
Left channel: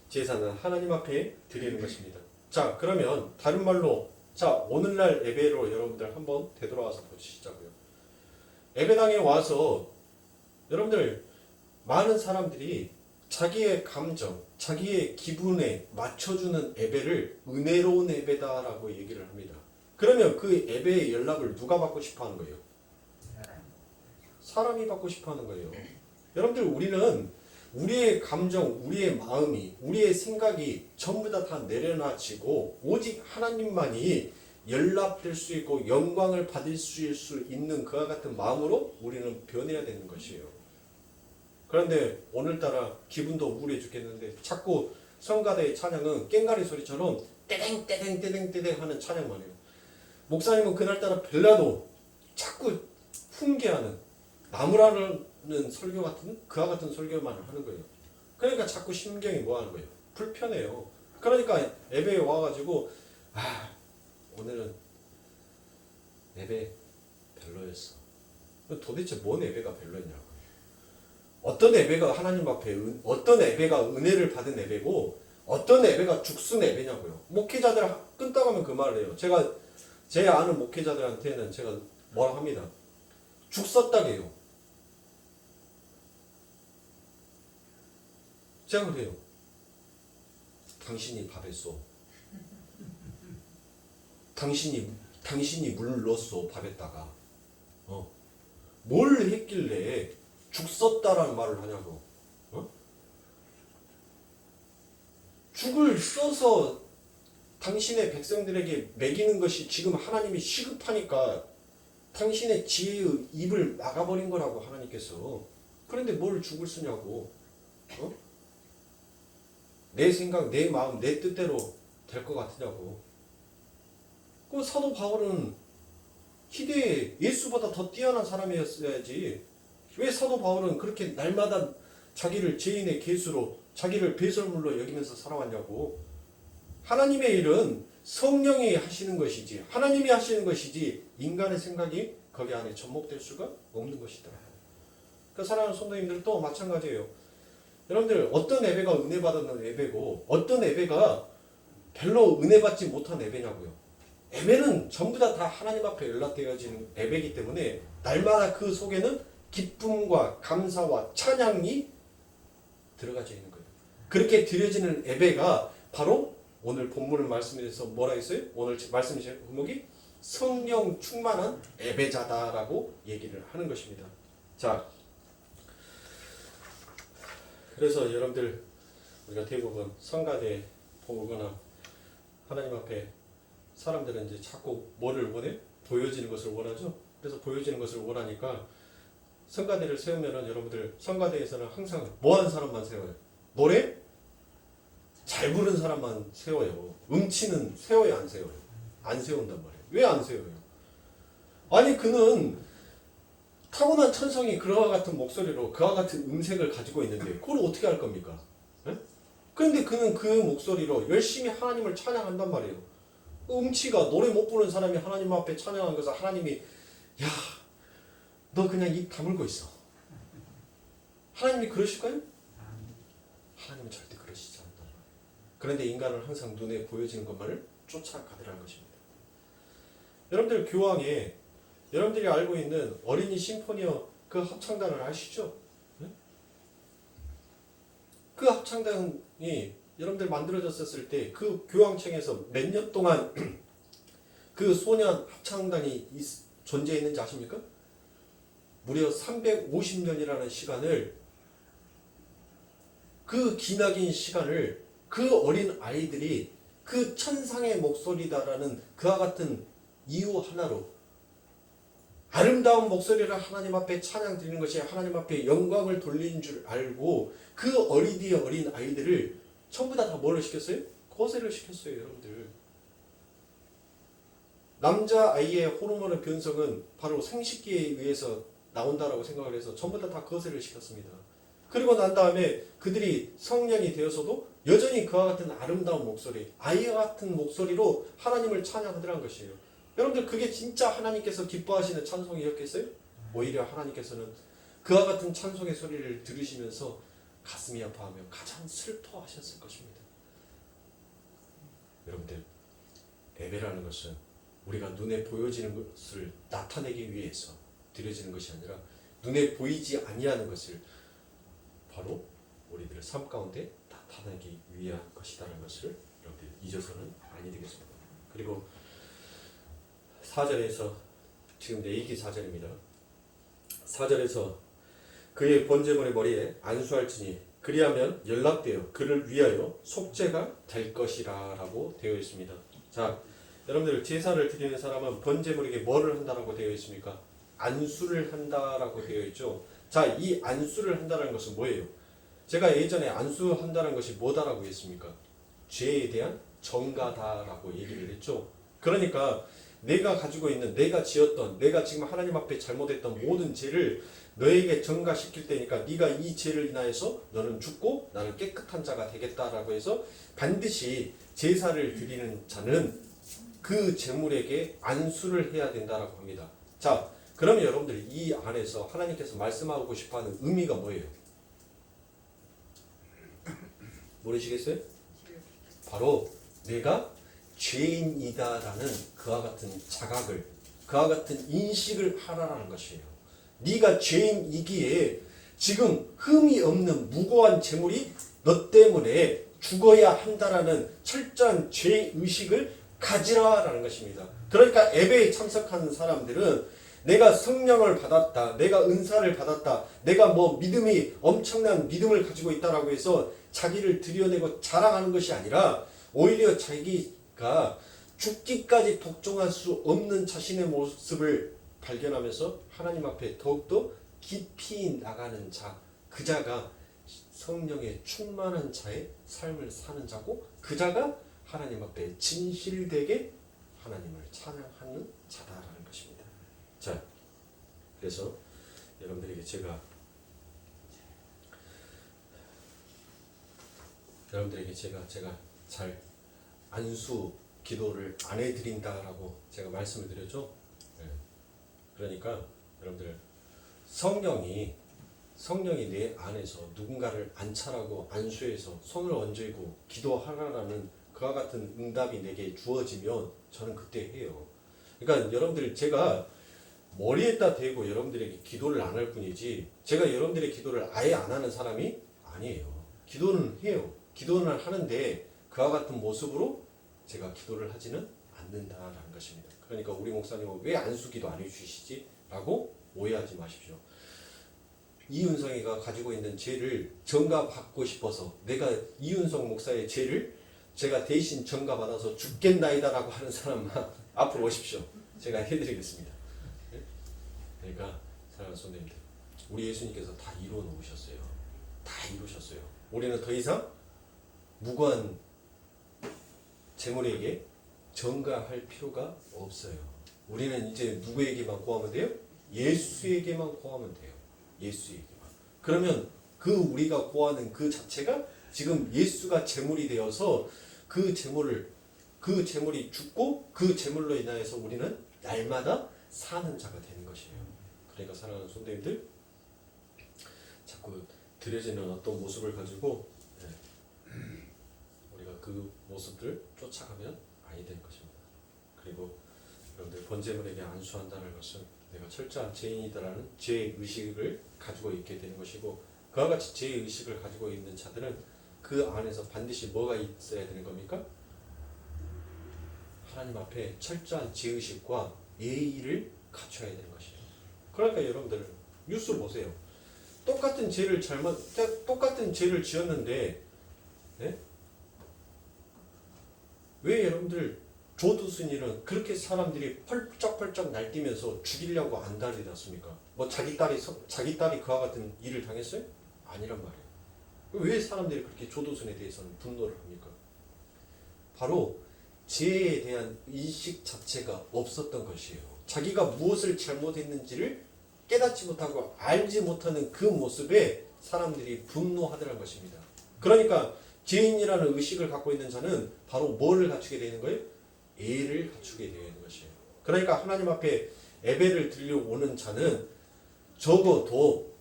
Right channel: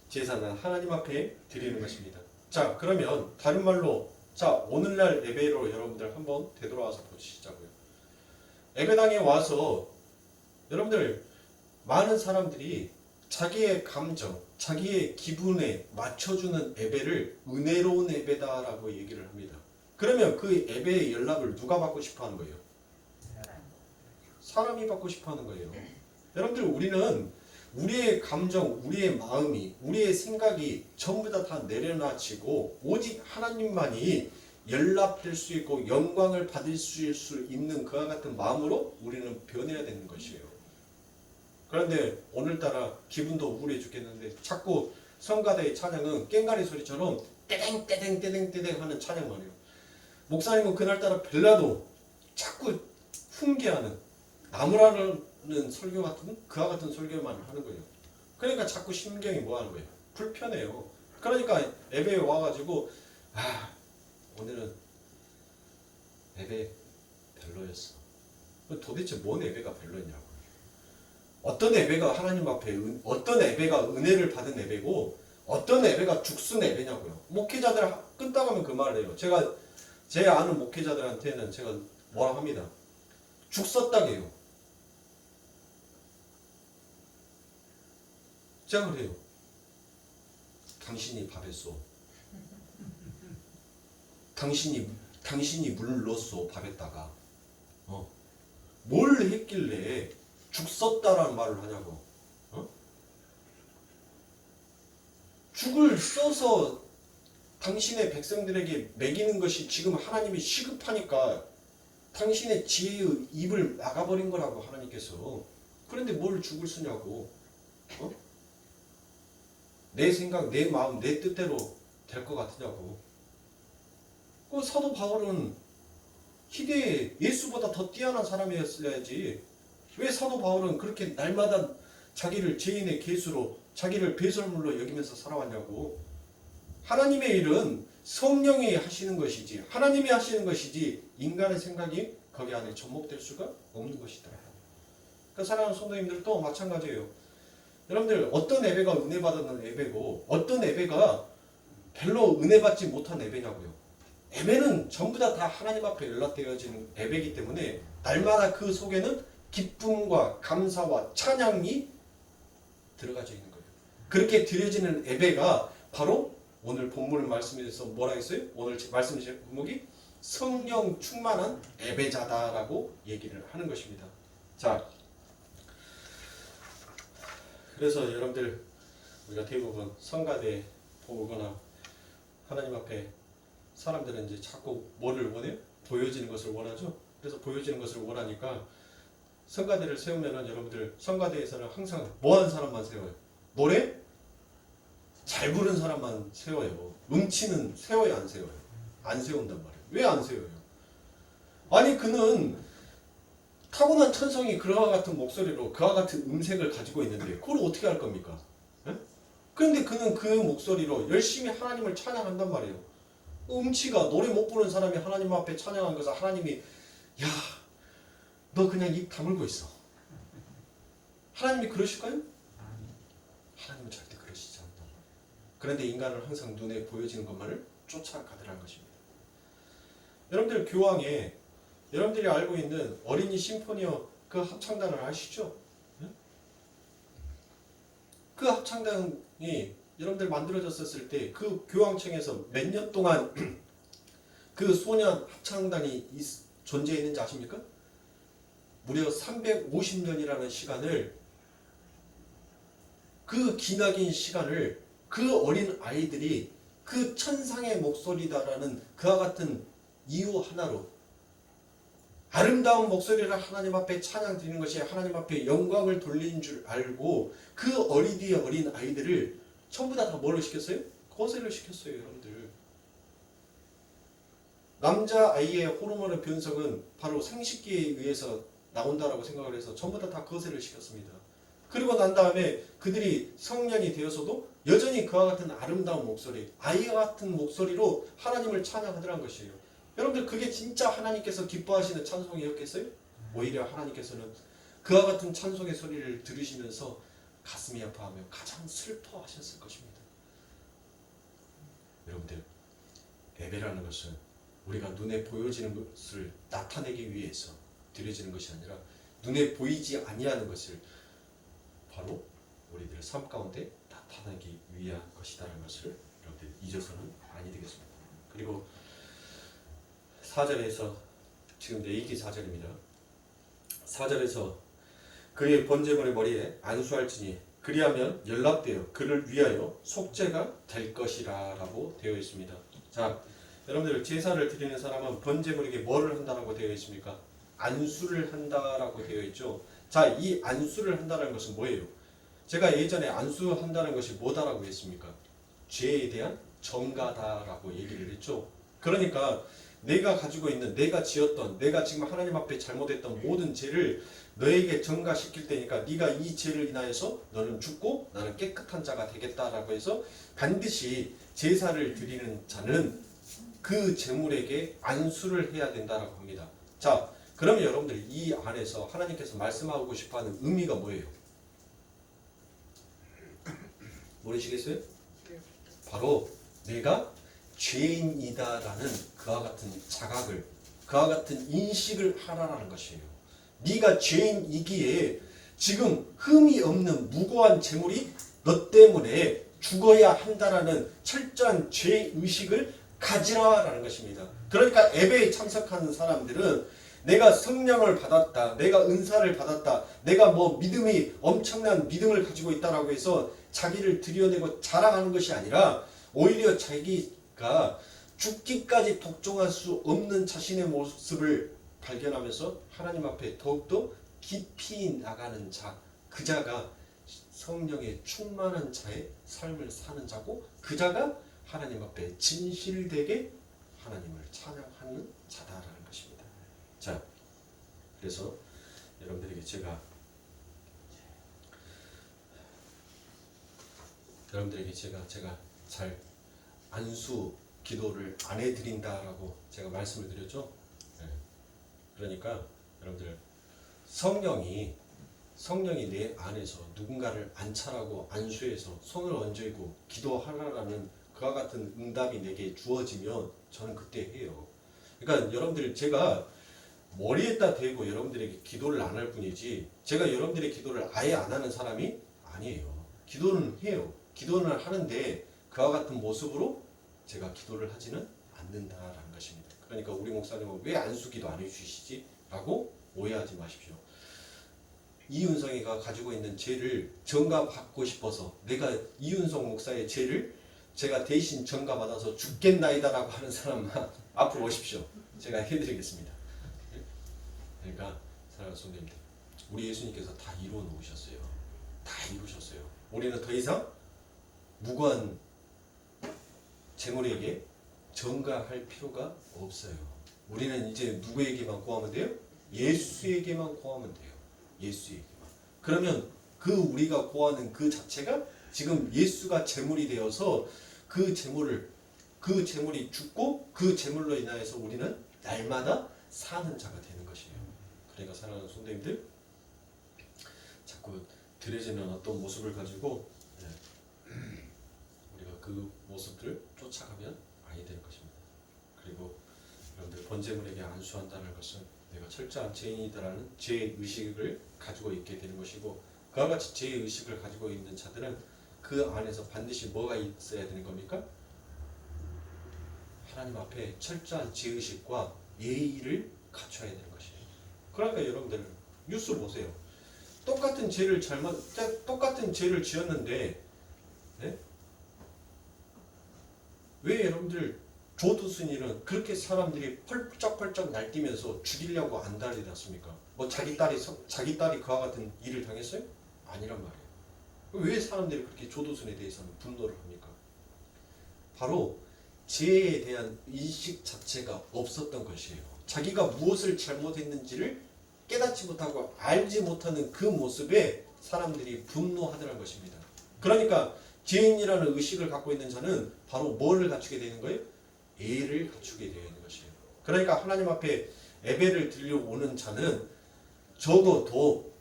제사는 하나님 앞에 드리는 것입니다. 자, 그러면 다른 말로 자, 오늘날 예배로 여러분들 한번 되돌아와서 보시자고요. 예배당에 와서 여러분들 많은 사람들이 자기의 감정, 자기의 기분에 맞춰주는 예배를 은혜로운 예배다라고 얘기를 합니다. 그러면 그 예배의 연락을 누가 받고 싶어 하는 거예요? 사람이 받고 싶어 하는 거예요. 여러분들 우리는 우리의 감정, 우리의 마음이, 우리의 생각이 전부 다 내려놔지고 오직 하나님만이 연락될 수 있고 영광을 받을 수 있는 그와 같은 마음으로 우리는 변해야 되는 것이에요. 그런데 오늘따라 기분도 우울해 죽겠는데 자꾸 성가대의 찬양은 꽹과리 소리처럼 떼댕 떼댕 떼댕 떼댕 하는 찬양만 해요. 목사님은 그날따라 별나도 자꾸 훈계하는 나무라는 설교 같은 그와 같은 설교만 하는 거예요. 그러니까 자꾸 심경이 뭐 하는 거예요? 불편해요. 그러니까 예배에 와가지고 오늘은 예배 별로였어. 도대체 뭔 예배가 별로였냐고. 어떤 예배가 하나님 앞에 어떤 예배가 은혜를 받은 예배고 어떤 예배가 죽순 예배냐고요. 목회자들 끊다가면 그 말을 해요. 제가 제 아는 목회자들한테는 제가 뭐라 합니다. 죽었다게요. 제가 그래요. 당신이 밥했소. 당신이 물 넣었소 밥에다가. 뭘 했길래 죽었다라는 말을 하냐고. 죽을 써서 당신의 백성들에게 먹이는 것이 지금 하나님이 시급하니까 당신의 지혜의 입을 막아버린 거라고 하나님께서. 그런데 뭘 죽을 쓰냐고. 내 생각, 내 마음, 내 뜻대로 될 것 같으냐고. 그 사도 바울은 희대에 예수보다 더 뛰어난 사람이었어야지. 왜 사도 바울은 그렇게 날마다 자기를 죄인의 개수로 자기를 배설물로 여기면서 살아왔냐고. 하나님의 일은 성령이 하시는 것이지 하나님이 하시는 것이지 인간의 생각이 거기 안에 접목될 수가 없는 것이다. 그 사랑하는 성도님들도 마찬가지예요. 여러분들 어떤 예배가 은혜 받는 예배고 어떤 예배가 별로 은혜 받지 못한 예배냐고요. 예배는 전부 다 하나님 앞에 연락되어지는 예배이기 때문에 날마다 그 속에는 기쁨과 감사와 찬양이 들어가져 있는 거예요. 그렇게 드려지는 예배가 바로 오늘 본문을 말씀에서 뭐라 했어요? 오늘 말씀 제목이 성령 충만한 예배자다라고 얘기를 하는 것입니다. 자, 그래서 여러분들 우리가 대부분 성가대 보거나 하나님 앞에 사람들은 이제 자꾸 뭐를 원해요? 보여지는 것을 원하죠. 그래서 보여지는 것을 원하니까 성가대를 세우면은 여러분들 성가대에서는 항상 뭐 하는 사람만 세워요? 노래? 잘 부르는 사람만 세워요. 음치는 세워요, 안 세워요? 안 세운단 말이에요. 왜 안 세워요? 아니 그는 타고난 천성이 그와 같은 목소리로 그와 같은 음색을 가지고 있는데 그걸 어떻게 할 겁니까? 네? 그런데 그는 그 목소리로 열심히 하나님을 찬양한단 말이에요. 음치가 노래 못 부르는 사람이 하나님 앞에 찬양한 것을 하나님이 야, 너 그냥 입 다물고 있어. 하나님이 그러실까요? 하나님은 절대 그러시지 않다. 그런데 인간은 항상 눈에 보여지는 것만을 쫓아가더라는 것입니다. 여러분들 교황에 여러분들이 알고 있는 어린이 심포니어 그 합창단을 아시죠? 네? 그 합창단이 여러분들 만들어졌을 때 그 교황청에서 몇 년 동안 그 소년 합창단이 존재했는지 아십니까? 무려 350년이라는 시간을 그 기나긴 시간을 그 어린 아이들이 그 천상의 목소리다라는 그와 같은 이유 하나로 아름다운 목소리를 하나님 앞에 찬양 드리는 것이 하나님 앞에 영광을 돌리는 줄 알고 그 어린이의 어린 아이들을 전부 다 뭘로 시켰어요? 거세를 시켰어요, 여러분들. 남자 아이의 호르몬의 변성은 바로 생식기에 의해서 나온다라고 생각을 해서 전부 다 거세를 시켰습니다. 그리고 난 다음에 그들이 성년이 되어서도 여전히 그와 같은 아름다운 목소리, 아이와 같은 목소리로 하나님을 찬양하더라는 것이에요. 여러분들 그게 진짜 하나님께서 기뻐하시는 찬송이었겠어요? 오히려 하나님께서는 그와 같은 찬송의 소리를 들으시면서 가슴이 아파하며 가장 슬퍼하셨을 것입니다. 여러분들 예배라는 것은 우리가 눈에 보여지는 것을 나타내기 위해서 드려지는 것이 아니라 눈에 보이지 아니하는 것을 바로 우리들 삶 가운데 나타내기 위한 것이라는 것을 여러분들 잊어서는 아니 되겠습니다. 그리고 4절에서 지금 내 얘기 4절입니다. 4절에서 그의 번제물의 머리에 안수할지니 그리하면 연락되어 그를 위하여 속죄가 될 것이라 라고 되어 있습니다. 자, 여러분들 제사를 드리는 사람은 번제물에게 뭐를 한다라고 되어 있습니까? 안수를 한다라고 되어 있죠. 자, 이 안수를 한다는 것은 뭐예요? 제가 예전에 안수한다는 것이 뭐다라고 했습니까? 죄에 대한 정가다라고 얘기를 했죠. 그러니까 내가 가지고 있는 내가 지었던 내가 지금 하나님 앞에 잘못했던 모든 죄를 너에게 전가시킬 때니까 네가 이 죄를 인하여서 너는 죽고 나는 깨끗한 자가 되겠다라고 해서 반드시 제사를 드리는 자는 그 제물에게 안수를 해야 된다라고 합니다. 자, 그러면 여러분들 이 안에서 하나님께서 말씀하고 싶어하는 의미가 뭐예요? 모르시겠어요? 바로 내가 죄인이다라는 그와 같은 자각을, 그와 같은 인식을 하라라는 것이에요. 네가 죄인이기에 지금 흠이 없는 무고한 재물이 너 때문에 죽어야 한다라는 철저한 죄의식을 가지라라는 것입니다. 그러니까 예배에 참석하는 사람들은 내가 성령을 받았다, 내가 은사를 받았다, 내가 뭐 믿음이 엄청난 믿음을 가지고 있다라고 해서 자기를 들여내고 자랑하는 것이 아니라 오히려 자기가 죽기까지 독종할 수 없는 자신의 모습을 발견하면서 하나님 앞에 더욱더 깊이 나가는 자, 그 자가 성령에 충만한 자의 삶을 사는 자고 그 자가 하나님 앞에 진실되게 하나님을 찬양하는 자다라는 것입니다. 자, 그래서 여러분들에게 제가 잘 안수 기도를 안 해드린다라고 제가 말씀을 드렸죠. 그러니까 여러분들 성령이 내 안에서 누군가를 안차라고 안수해서 손을 얹고 기도하라라는 그와 같은 응답이 내게 주어지면 저는 그때 해요. 그러니까 여러분들 제가 머리에다 대고 여러분들에게 기도를 안 할 뿐이지 제가 여러분들의 기도를 아예 안 하는 사람이 아니에요. 기도는 해요. 기도는 하는데 그와 같은 모습으로 제가 기도를 하지는 않는다라는 것입니다. 그러니까 우리 목사님은 왜 안수기도 안 해주시지? 라고 오해하지 마십시오. 이윤성이가 가지고 있는 죄를 전가받고 싶어서 내가 이윤성 목사의 죄를 제가 대신 전가받아서 죽겠나이다라고 하는 사람만 앞으로 오십시오. 제가 해드리겠습니다. 그러니까 사랑하는 성도님들, 우리 예수님께서 다 이루어 놓으셨어요. 다 이루셨어요. 우리는 더 이상 무고한 재물에게 전가할 필요가 없어요. 우리는 이제 누구에게만 구하면 돼요? 예수에게만 구하면 돼요. 예수에게만. 그러면 그 우리가 구하는 그 자체가 지금 예수가 재물이 되어서 그 재물이 죽고 그 재물로 인하여서 우리는 날마다 사는 자가 되는 것이에요. 그러니까 사랑하는 성도님들, 자꾸 드려지는 어떤 모습을 가지고 우리가 그 모습들을 쫓아가면 아니 될 것입니다. 그리고 여러분들 번제물에게 안수한다는 것은 내가 철저한 죄인이다라는 죄의식을 가지고 있게 되는 것이고 그와 같이 죄의식을 가지고 있는 자들은 그 안에서 반드시 뭐가 있어야 되는 겁니까? 하나님 앞에 철저한 죄의식과 예의를 갖춰야 되는 것입니다. 그러니까 여러분들 뉴스를 보세요. 똑같은 죄를 지었는데 네? 왜 여러분들 조두순이는 그렇게 사람들이 펄쩍펄쩍 날뛰면서 죽이려고 안달이났습니까? 뭐 자기 딸이 그와 같은 일을 당했어요? 아니란 말이에요. 왜 사람들이 그렇게 조두순에 대해서는 분노를 합니까? 바로 죄에 대한 인식 자체가 없었던 것이에요. 자기가 무엇을 잘못했는지를 깨닫지 못하고 알지 못하는 그 모습에 사람들이 분노하더라는 것입니다. 그러니까 죄인이라는 의식을 갖고 있는 자는 바로 뭐를 갖추게 되는 거예요? 예를 갖추게 되어 있는 것이에요. 그러니까 하나님 앞에 예배를 드려오는 자는 적어도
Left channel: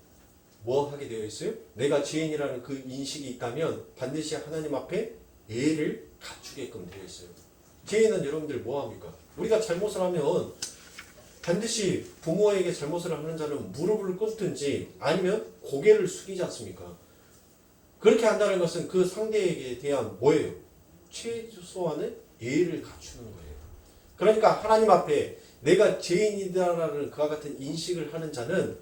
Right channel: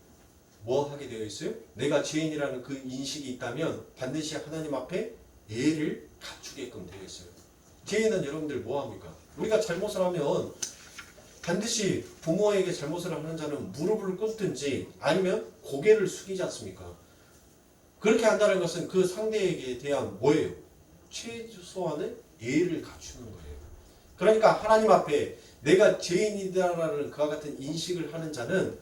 뭐 하게 되어 있어요? 내가 죄인이라는 그 인식이 있다면 반드시 하나님 앞에 예를 갖추게끔 되어 있어요. 죄인은 여러분들 뭐 합니까? 우리가 잘못을 하면 반드시 부모에게 잘못을 하는 자는 무릎을 꿇든지 아니면 고개를 숙이지 않습니까? 그렇게 한다는 것은 그 상대에게 대한 뭐예요? 최소한의 예의를 갖추는 거예요. 그러니까 하나님 앞에 내가 죄인이다라는 그와 같은 인식을 하는 자는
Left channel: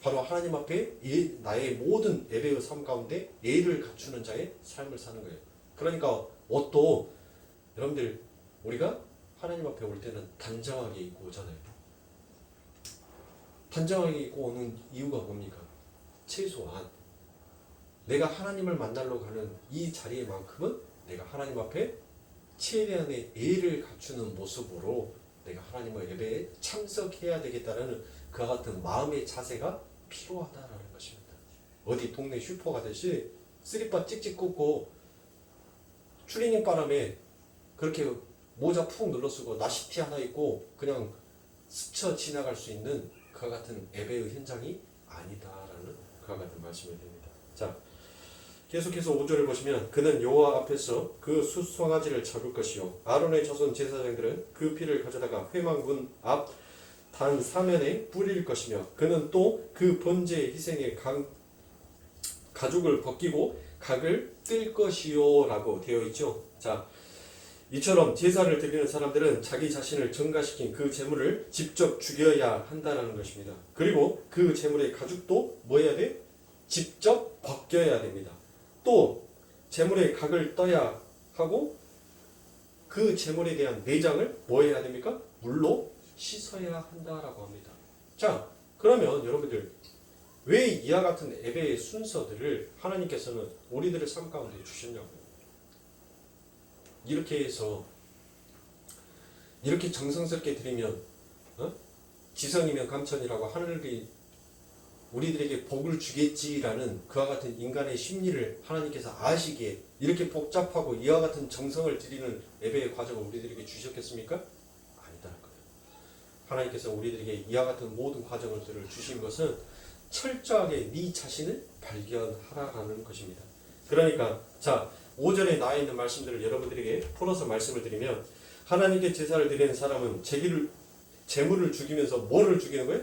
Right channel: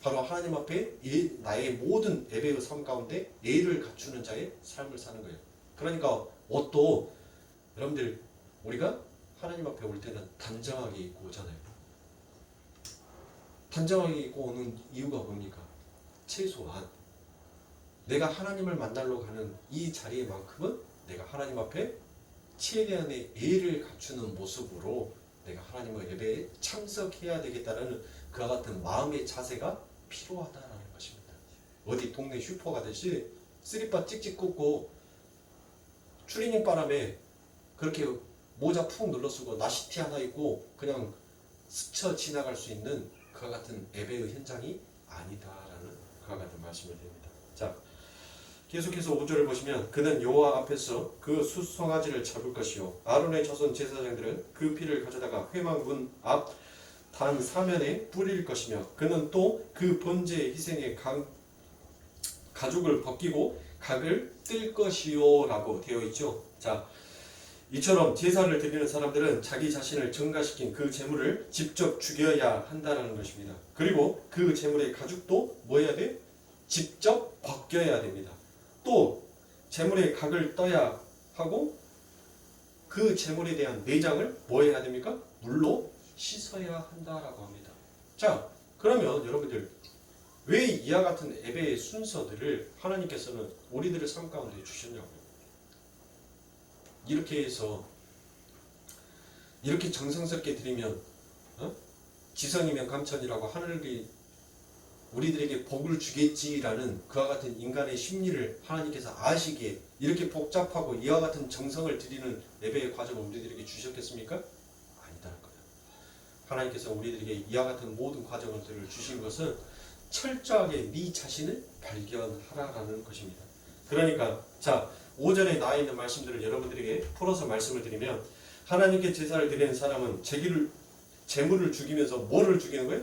바로 하나님 앞에 나의 모든 예배의 삶 가운데 예의를 갖추는 자의 삶을 사는 거예요. 그러니까 옷도 여러분들 우리가 하나님 앞에 올 때는 단정하게 입고 오잖아요. 단정하게 입고 오는 이유가 뭡니까? 최소한 내가 하나님을 만나러 가는 이 자리만큼은 내가 하나님 앞에 최대한의 예의를 갖추는 모습으로 내가 하나님의 예배에 참석해야 되겠다는 그와 같은 마음의 자세가 필요하다라는 것입니다. 어디 동네 슈퍼 가듯이 쓰리빠 찍찍 꽂고 추리닝 바람에 그렇게 모자 푹 눌러쓰고 나시티 하나 입고 그냥 스쳐 지나갈 수 있는 그와 같은 예배의 현장이 아니다라는 그와 같은 말씀이 됩니다. 자, 계속해서 5절을 보시면 그는 여호와 앞에서 그 숫송아지를 잡을 것이요 아론의 자손 제사장들은 그 피를 가져다가 회막문 앞 단 사면에 뿌릴 것이며 그는 또 그 번제의 희생의 가죽을 벗기고 각을 뜰 것이요 라고 되어 있죠. 자, 이처럼 제사를 드리는 사람들은 자기 자신을 증가시킨 그 제물을 직접 죽여야 한다는 것입니다. 그리고 그 제물의 가죽도 뭐 해야 돼? 직접 벗겨야 됩니다. 또 제물의 각을 떠야 하고 그 제물에 대한 내장을 뭐 해야 됩니까? 물로 씻어야 한다라고 합니다. 자, 그러면 여러분들 왜 이와 같은 예배의 순서들을 하나님께서는 우리들의 삶 가운데 주셨냐고요. 이렇게 해서 이렇게 정성스럽게 드리면 지성이면 감천이라고 하늘이 우리들에게 복을 주겠지라는 그와 같은 인간의 심리를 하나님께서 아시기에 이렇게 복잡하고 이와 같은 정성을 드리는 예배의 과정을 우리들에게 주셨겠습니까? 아니다는 거예요. 하나님께서 우리들에게 이와 같은 모든 과정을 주신 것은 철저하게 네 자신을 발견하라는 것입니다. 그러니까 자 5절에 나와 있는 말씀들을 여러분들에게 풀어서 말씀을 드리면 하나님께 제사를 드리는 사람은 제물을 죽이면서 뭐를 죽이는 거예요?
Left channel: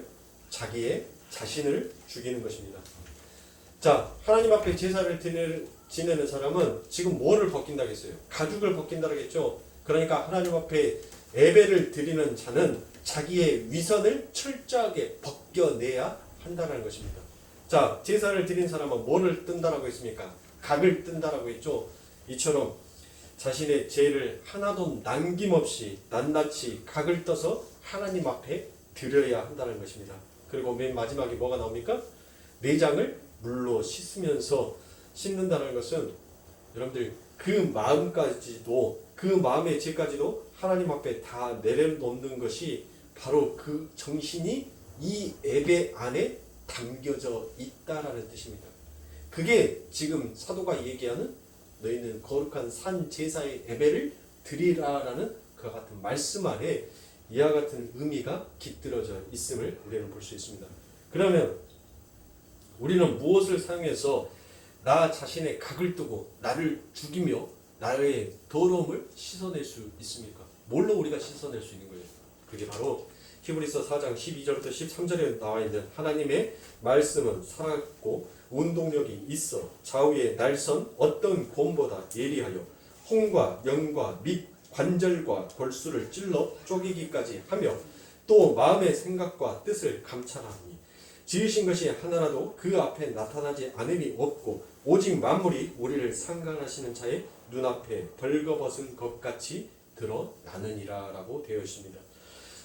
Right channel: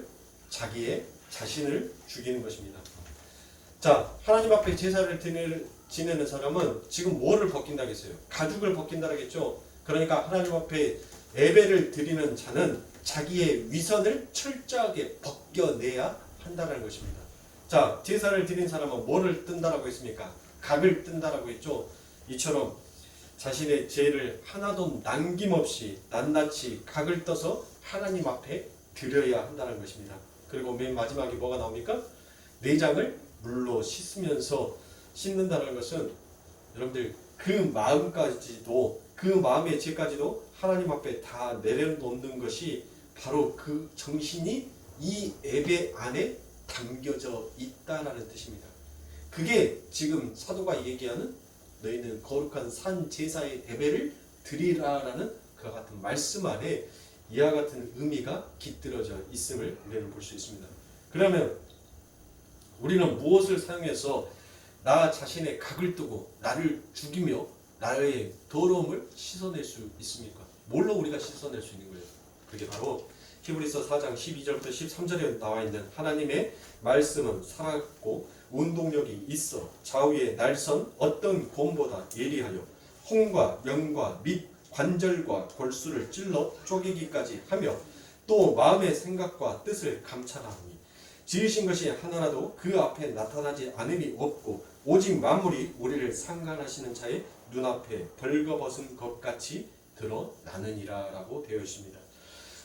자기의 자신을 죽이는 것입니다. 자, 하나님 앞에 제사를 지내는 사람은 지금 뭐를 벗긴다고 했어요? 가죽을 벗긴다고 했죠. 그러니까 하나님 앞에 예배를 드리는 자는 자기의 위선을 철저하게 벗겨내야 한다는 것입니다. 자, 제사를 드린 사람은 뭐를 뜬다라고 했습니까? 각을 뜬다라고 했죠. 이처럼 자신의 죄를 하나도 남김없이 낱낱이 각을 떠서 하나님 앞에 드려야 한다는 것입니다. 그리고 맨 마지막에 뭐가 나옵니까? 내장을 물로 씻는다는 것은 여러분들 그 마음까지도 그 마음의 죄까지도 하나님 앞에 다 내려놓는 것이 바로 그 정신이 이 예배 안에 담겨져 있다라는 뜻입니다. 그게 지금 사도가 얘기하는 너희는 거룩한 산 제사의 예배를 드리라라는 그와 같은 말씀 안에 이와 같은 의미가 깃들어져 있음을 우리는 볼 수 있습니다. 그러면 우리는 무엇을 사용해서 나 자신의 각을 뜨고 나를 죽이며 나의 더러움을 씻어낼 수 있습니까? 뭘로 우리가 씻어낼 수 있는 거예요? 그게 바로 히브리서 4장 12절부터 13절에 나와 있는 하나님의 말씀은 살았고 운동력이 있어 좌우의 날선 어떤 곰보다 예리하여 홍과 연과 및 관절과 골수를 찔러 쪼개기까지 하며 또 마음의 생각과 뜻을 감찰하니 지으신 것이 하나라도 그 앞에 나타나지 않음이 없고 오직 만물이 우리를 상관하시는 자의 눈앞에 벌거벗은 것 같이 드러나느니라 라고 되어 있습니다.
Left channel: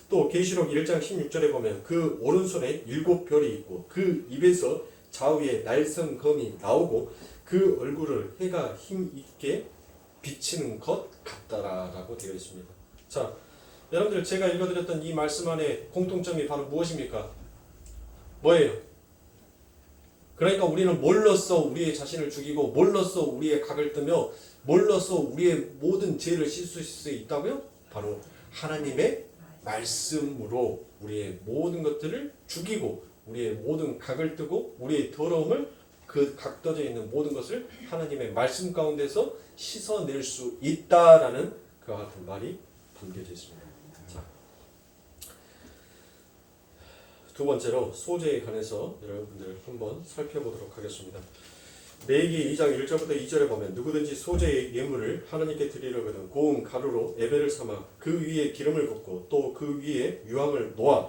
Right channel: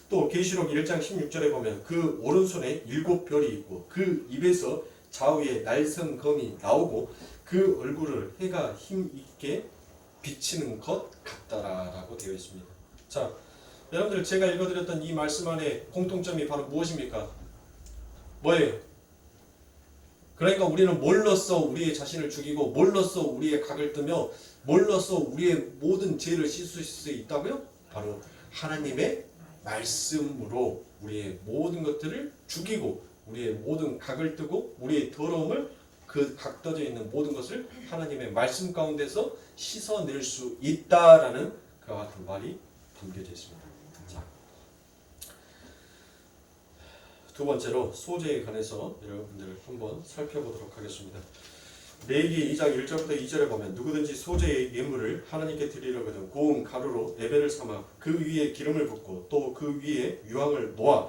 또 계시록 1장 16절에 보면 그 오른손에 7별이 있고 그 입에서 좌우에 날선 검이 나오고 그 얼굴을 해가 힘있게 비치는 것 같다라고 되어 있습니다. 자, 여러분들 제가 읽어드렸던 이 말씀 안에 공통점이 바로 무엇입니까? 뭐예요? 그러니까 우리는 뭘로써 우리의 자신을 죽이고 뭘로써 우리의 각을 뜨며 뭘로써 우리의 모든 죄를 씻을 수 있다고요? 바로 하나님의 말씀으로 우리의 모든 것들을 죽이고 우리의 모든 각을 뜨고 우리의 더러움을 그 각떠져 있는 모든 것을 하나님의 말씀 가운데서 씻어낼 수 있다라는 그와 같은 말이 담겨져 있습니다. 자, 두 번째로 소재에 관해서 여러분들 한번 살펴보도록 하겠습니다. 레위기 2장 1절부터 2절에 보면 누구든지 소재의 예물을 하나님께 드리려거든 고운 가루로 예배를 삼아 그 위에 기름을 붓고 또 그 위에 유황을 놓아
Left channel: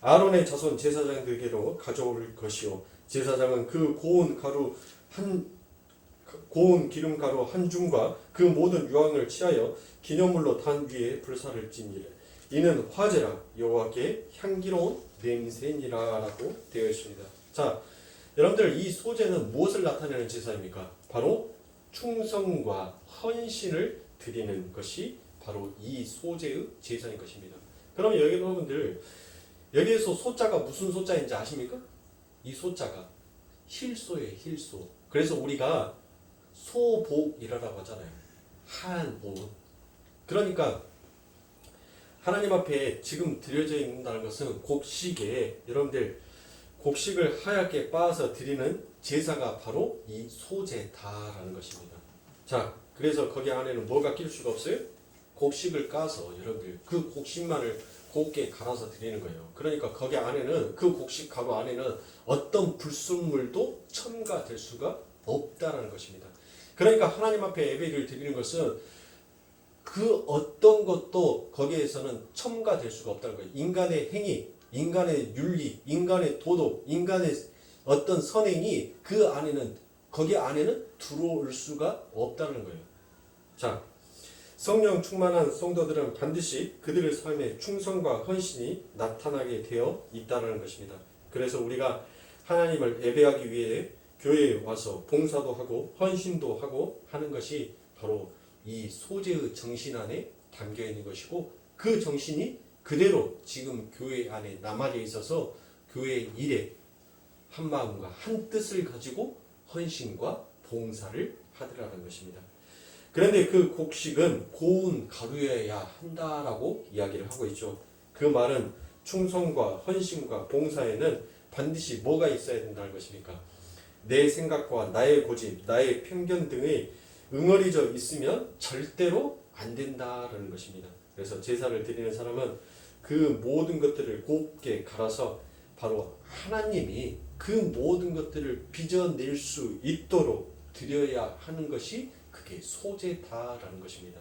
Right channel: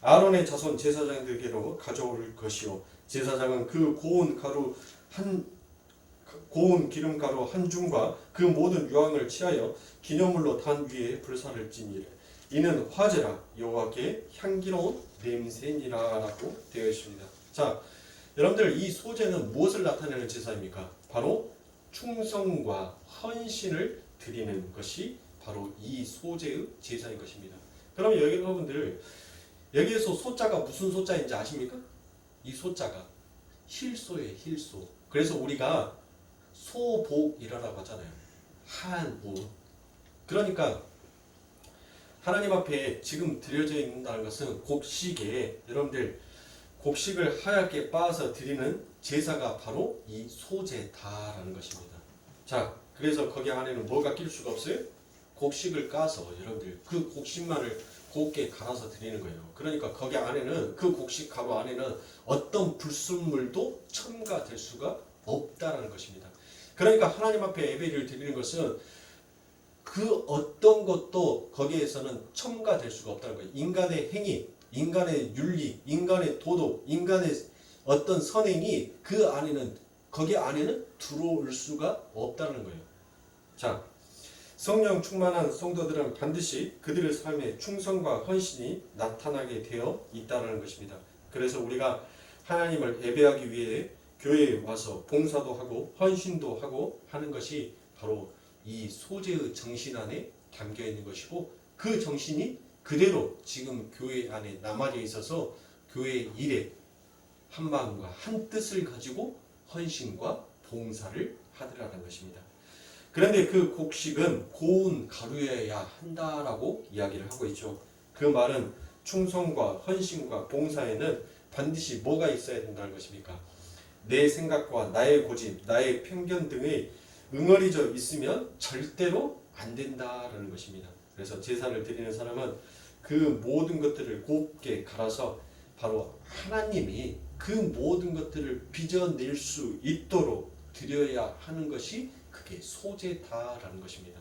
아론의 자손 제사장들에게로 가져올 것이요 제사장은 그 고운 기름 가루 한 줌과 그 모든 유황을 취하여 기념물로 단 위에 불사를 찌니라. 이는 화제라 여호와께 향기로운 냄새니라라고 되어 있습니다. 자, 여러분들 이 소재는 무엇을 나타내는 제사입니까? 바로 충성과 헌신을 드리는 것이 바로 이 소재의 제사인 것입니다. 그러면 여러분들 여기에서 소자가 무슨 소자인지 아십니까? 이 소자가 힐소예요. 힐소. 그래서 우리가 소복이라고 하잖아요. 한복. 그러니까 하나님 앞에 지금 드려져 있는다는 것은 곡식에 여러분들 곡식을 하얗게 빻아서 드리는 제사가 바로 이 소제다라는 것입니다. 자, 그래서 거기 안에는 뭐가 낄 수가 없어요? 곡식을 까서 여러분들 그 곡식만을 곱게 갈아서 드리는 거예요. 그러니까 거기 안에는 그 곡식 가루 안에는 어떤 불순물도 첨가될 수가 없다라는 것입니다. 그러니까 하나님 앞에 예배를 드리는 것은 그 어떤 것도 거기에서는 첨가될 수가 없다는 거예요. 인간의 행위, 인간의 윤리, 인간의 도덕, 인간의 어떤 선행이 그 안에는 거기 안에는 들어올 수가 없다는 거예요. 자, 성령 충만한 성도들은 반드시 그들의 삶에 충성과 헌신이 나타나게 되어 있다는 것입니다. 그래서 우리가 하나님을 예배하기 위해 교회에 와서 봉사도 하고 헌신도 하고 하는 것이 바로 이 소재의 정신 안에 담겨 있는 것이고 그 정신이 그대로 지금 교회 안에 남아져 있어서 교회 일에 한 마음과 한 뜻을 가지고 헌신과 봉사를 하더라는 것입니다. 그런데 그 곡식은 고운 가루여야 한다라고 이야기를 하고 있죠. 그 말은 충성과 헌신과 봉사에는 반드시 뭐가 있어야 된다는 것입니까? 내 생각과 나의 고집, 나의 편견 등의 응어리져 있으면 절대로 안 된다라는 것입니다. 그래서 제사를 드리는 사람은 그 모든 것들을 곱게 갈아서 바로 하나님이 그 모든 것들을 빚어낼 수 있도록 드려야 하는 것이 그게 소제다라는 것입니다.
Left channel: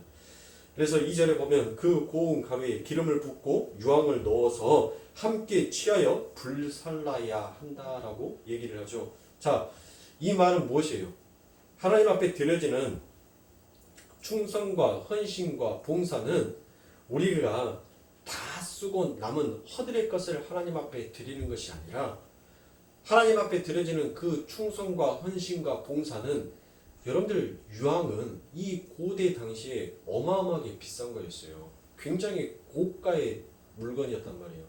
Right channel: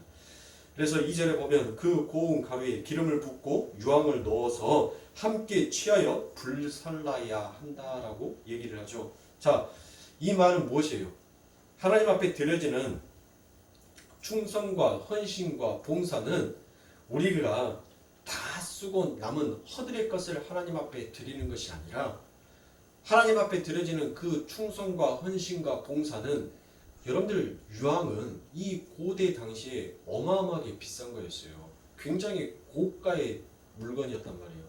그래서 2절에 보면 그 고운 가루에 기름을 붓고 유황을 넣어서 함께 취하여 불살라야 한다라고 얘기를 하죠. 자, 이 말은 무엇이에요? 하나님 앞에 드려지는 충성과 헌신과 봉사는 우리가 다 쓰고 남은 허들의 것을 하나님 앞에 드리는 것이 아니라 하나님 앞에 드려지는 그 충성과 헌신과 봉사는 여러분들 유황은 이 고대 당시에 어마어마하게 비싼 거였어요. 굉장히 고가의 물건이었단 말이에요.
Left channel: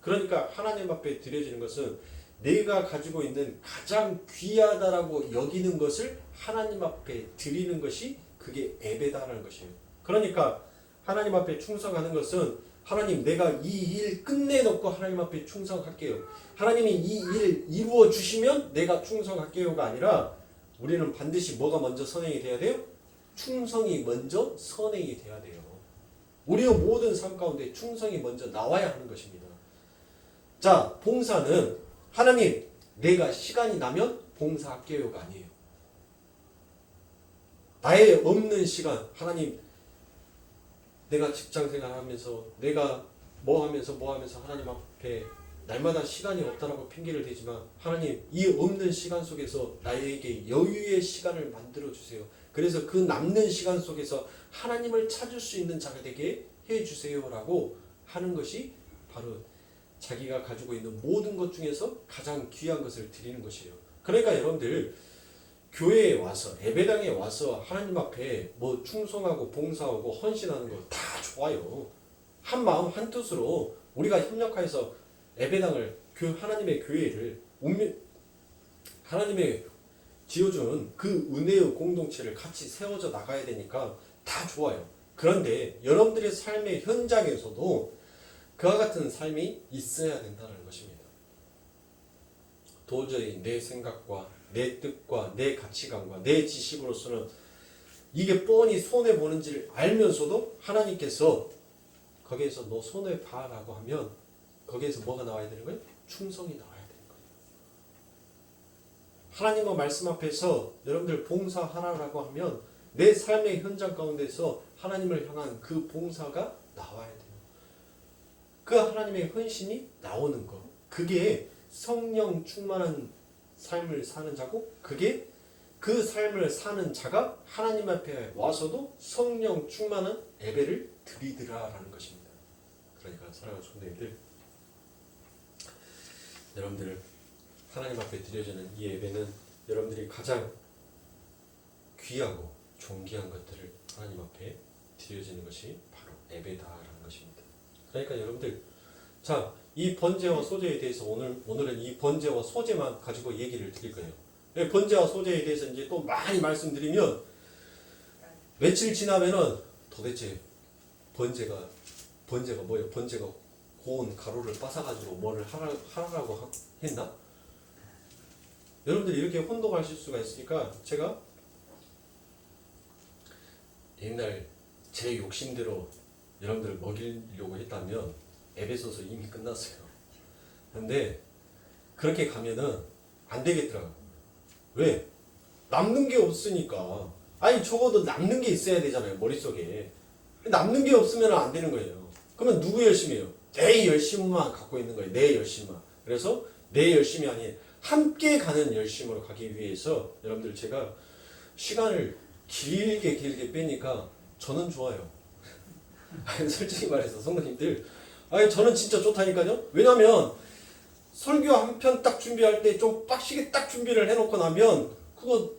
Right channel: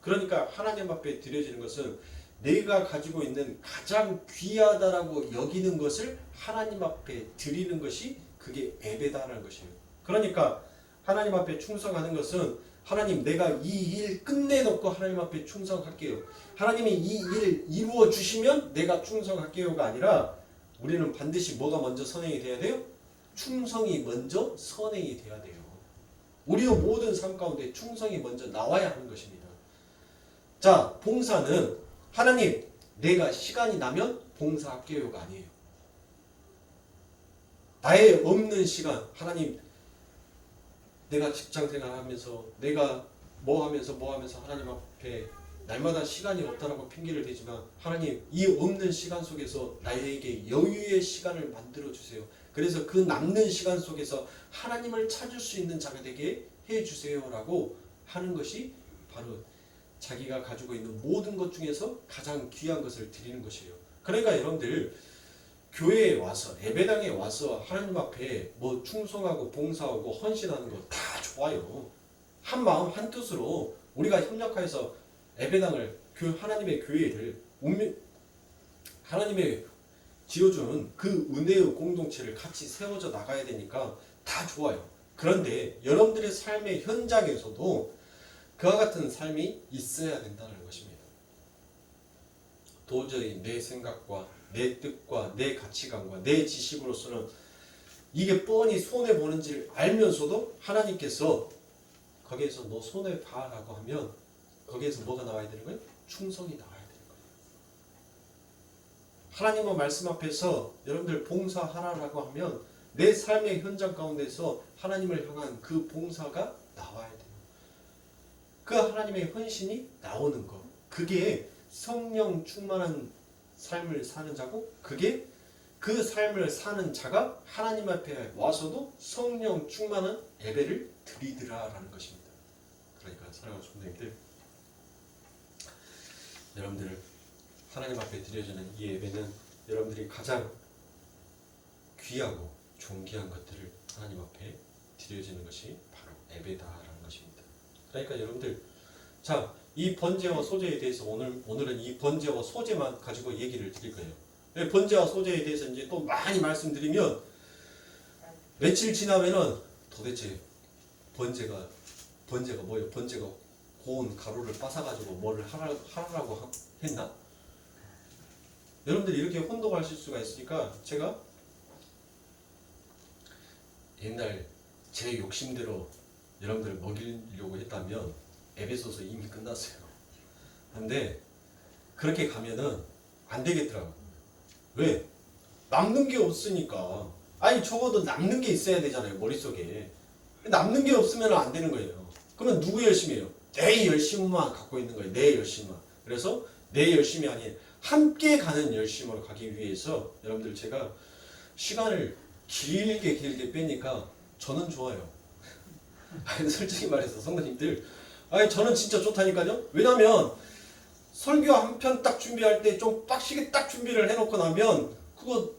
그러니까 하나님 앞에 드려지는 것은 내가 가지고 있는 가장 귀하다라고 여기는 것을 하나님 앞에 드리는 것이 그게 예배다라는 것이에요. 그러니까 하나님 앞에 충성하는 것은 하나님 내가 이 일 끝내놓고 하나님 앞에 충성할게요. 하나님이 이 일 이루어 주시면 내가 충성할게요가 아니라 우리는 반드시 뭐가 먼저 선행이 돼야 돼요? 충성이 먼저 선행이 돼야 돼요. 우리의 모든 삶 가운데 충성이 먼저 나와야 하는 것입니다. 자, 봉사는 하나님 내가 시간이 나면 봉사할게요가 아니에요. 나의 없는 시간 하나님 내가 직장생활 하면서 내가 뭐 하면서 하나님 앞에 날마다 시간이 없다라고 핑계를 대지만 하나님 이 없는 시간 속에서 나에게 여유의 시간을 만들어 주세요. 그래서 그 남는 시간 속에서 하나님을 찾을 수 있는 자가 되게 해 주세요라고 하는 것이 바로 자기가 가지고 있는 모든 것 중에서 가장 귀한 것을 드리는 것이에요. 그러니까 여러분들 교회에 와서 예배당에 와서 하나님 앞에 뭐 충성하고 봉사하고 헌신하는 거 다 좋아요. 한 마음 한 뜻으로 우리가 협력해서 예배당을 하나님의 교회를 하나님의 지어주는 그 은혜의 공동체를 같이 세워져 나가야 되니까 다 좋아요. 그런데 여러분들의 삶의 현장에서도 그와 같은 삶이 있어야 된다는 것입니다. 도저히 내 생각과 내 뜻과 내 가치관과 내 지식으로서는 이게 뻔히 손해보는지를 알면서도 하나님께서 거기에서 너 손해봐라고 하면 거기에서 뭐가 나와야 되는 거예요? 충성이 나와야 되는 거예요. 하나님의 말씀 앞에서 여러분들 봉사하라라고 하면 내 삶의 현장 가운데서 하나님을 향한 그 봉사가 나와야 돼요. 그 하나님의 헌신이 나오는 거. 그게 성령 충만한 삶을 사는 자고 그게 그 삶을 사는 자가 하나님 앞에 와서도 성령 충만한 예배를 드리더라라는 것입니다. 그러니까 사랑하는 성도님들 여러분들 하나님 앞에 드려지는 이 예배는 여러분들이 가장 귀하고 존귀한 것들을 하나님 앞에 드려지는 것이 바로 예배다라는 것입니다. 그러니까 여러분들 자, 이 번제와 소제에 대해서 오늘은 이 번제와 소제만 가지고 얘기를 드릴 거예요. 네, 번제와 소제에 대해서 이제 또 많이 말씀드리면 며칠 지나면은 도대체 번제가 뭐예요? 번제가 고운 가루를 빻아가지고 뭘 하라고 했나? 여러분들 이렇게 혼동하실 수가 있으니까 제가 옛날 제 욕심대로 여러분들을 먹이려고 했다면 에베소서 이미 끝났어요. 근데 그렇게 가면은 안 되겠더라고요. 왜? 남는 게 없으니까. 아니 적어도 남는 게 있어야 되잖아요. 머릿속에. 남는 게 없으면 안 되는 거예요. 그러면 누구 열심이에요? 내 열심만 갖고 있는 거예요. 내 열심만. 그래서 내 열심이 아닌 함께 가는 열심으로 가기 위해서 여러분들 제가 시간을 길게 빼니까 저는 좋아요. 아니 솔직히 말해서 성도님들 아니 저는 진짜 좋다니까요. 왜냐면 설교 한 편 딱 준비할 때 좀 빡시게 딱 준비를 해놓고 나면 그거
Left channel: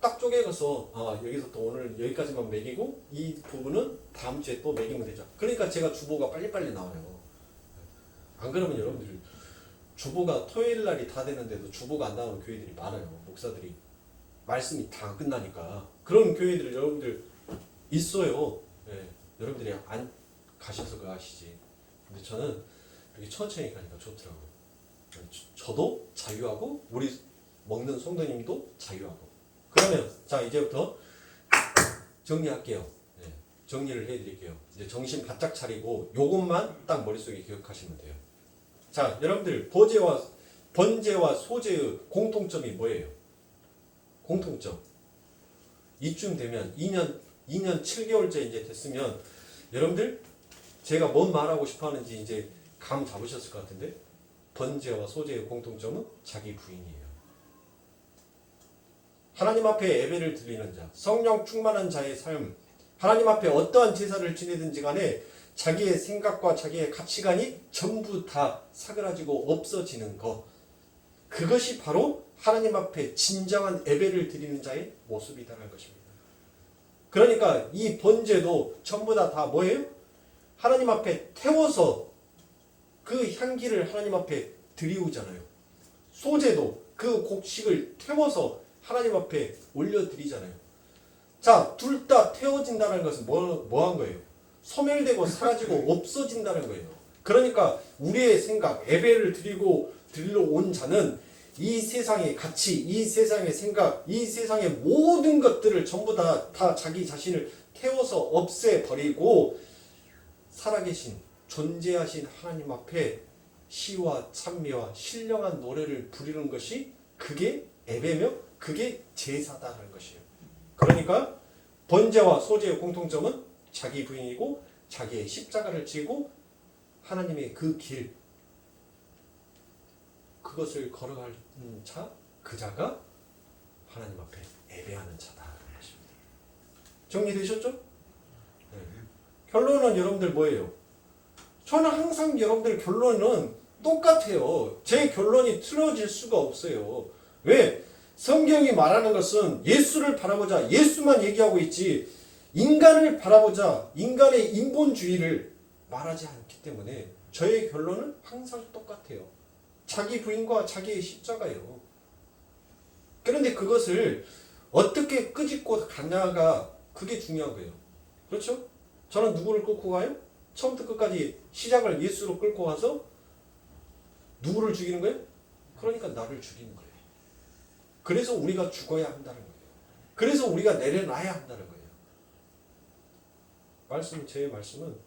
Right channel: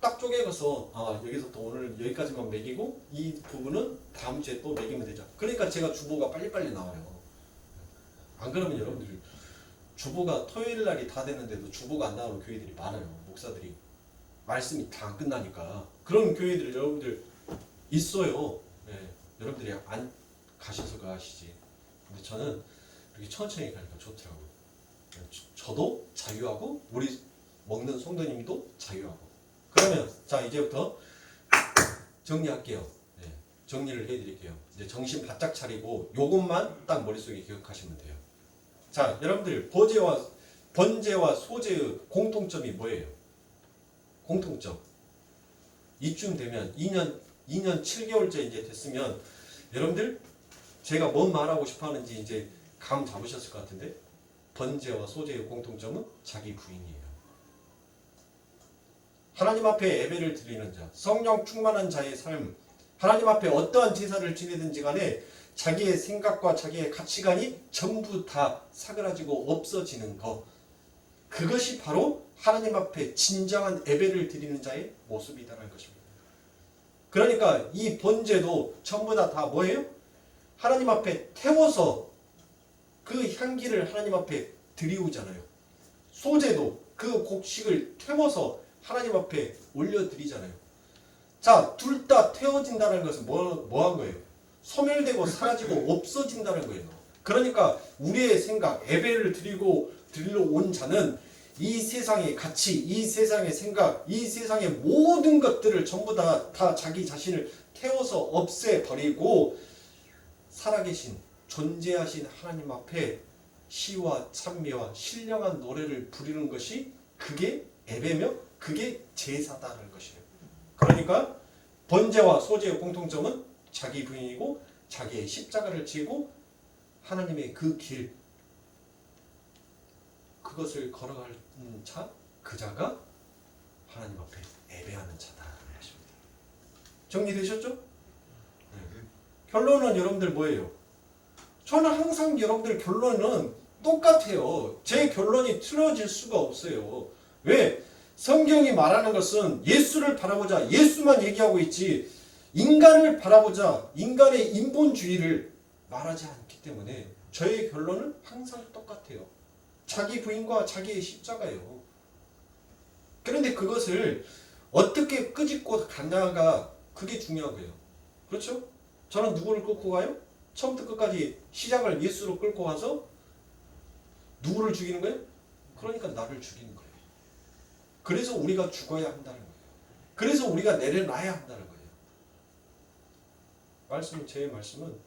딱 쪼개서 여기서부터 오늘 여기까지만 매기고 이 부분은 다음 주에 또 매기면 되죠. 그러니까 제가 주보가 빨리빨리 나와요. 안 그러면 여러분들 주보가 토요일 날이 다 되는데도 주보가 안 나오는 교회들이 많아요. 목사들이 말씀이 다 끝나니까 그런 교회들이 여러분들 있어요. 네, 여러분들이 안 가셔서 그 아시지. 근데 저는 이렇게 천천히 가니까 좋더라고요. 저도 자유하고 우리 먹는 성도님도 자유하고. 그러면 자 이제부터 정리할게요. 네, 정리를 해드릴게요. 이제 정신 바짝 차리고 요것만 딱 머릿속에 기억하시면 돼요. 자 여러분들 번제와 소제의 공통점이 뭐예요? 공통점. 이쯤 되면 2년 7개월째 이제 됐으면 여러분들 제가 뭔 말하고 싶어 하는지 이제 감 잡으셨을 것 같은데 번제와 소제의 공통점은 자기 부인이에요. 하나님 앞에 예배를 드리는 자, 성령 충만한 자의 삶, 하나님 앞에 어떠한 제사를 지내든지 간에 자기의 생각과 자기의 가치관이 전부 다 사그라지고 없어지는 것. 그것이 바로 하나님 앞에 진정한 예배를 드리는 자의 모습이다라는 것입니다. 그러니까 이 번제도 전부 다 뭐예요? 하나님 앞에 태워서 그 향기를 하나님 앞에 드리우잖아요. 소제도 그 곡식을 태워서 하나님 앞에 올려드리잖아요. 자, 둘 다 태워진다는 것은 뭐 한 거예요? 소멸되고 사라지고 없어진다는 거예요. 그러니까 우리의 생각, 예배를 드리러 온 자는 이 세상의 가치, 이 세상의 생각, 이 세상의 모든 것들을 전부 다 자기 자신을 태워서 없애버리고 살아계신 존재하신 하나님 앞에 시와 찬미와 신령한 노래를 부르는 것이 그게 예배며 그게 제사다라는 것이에요. 그러니까 번제와 소제의 공통점은 자기 부인이고 자기의 십자가를 지고 하나님의 그 길, 그것을 걸어가는 자, 그 자가 하나님 앞에 예배하는 자다라는 것입니다. 정리되셨죠? 네. 결론은 여러분들 뭐예요? 저는 항상 여러분들 결론은 똑같아요. 제 결론이 틀어질 수가 없어요. 왜? 성경이 말하는 것은 예수를 바라보자, 예수만 얘기하고 있지 인간을 바라보자, 인간의 인본주의를 말하지 않기 때문에 저의 결론은 항상 똑같아요. 자기 부인과 자기의 십자가예요. 그런데 그것을 어떻게 끄집고 가냐가 그게 중요한 거예요. 그렇죠? 저는 누구를 끌고 가요? 처음부터 끝까지 시작을 예수로 끌고 와서 누구를 죽이는 거예요? 그러니까 나를 죽이는 거예요. 그래서 우리가 죽어야 한다는 거예요. 그래서 우리가 내려놔야 한다는 거예요. 제 말씀은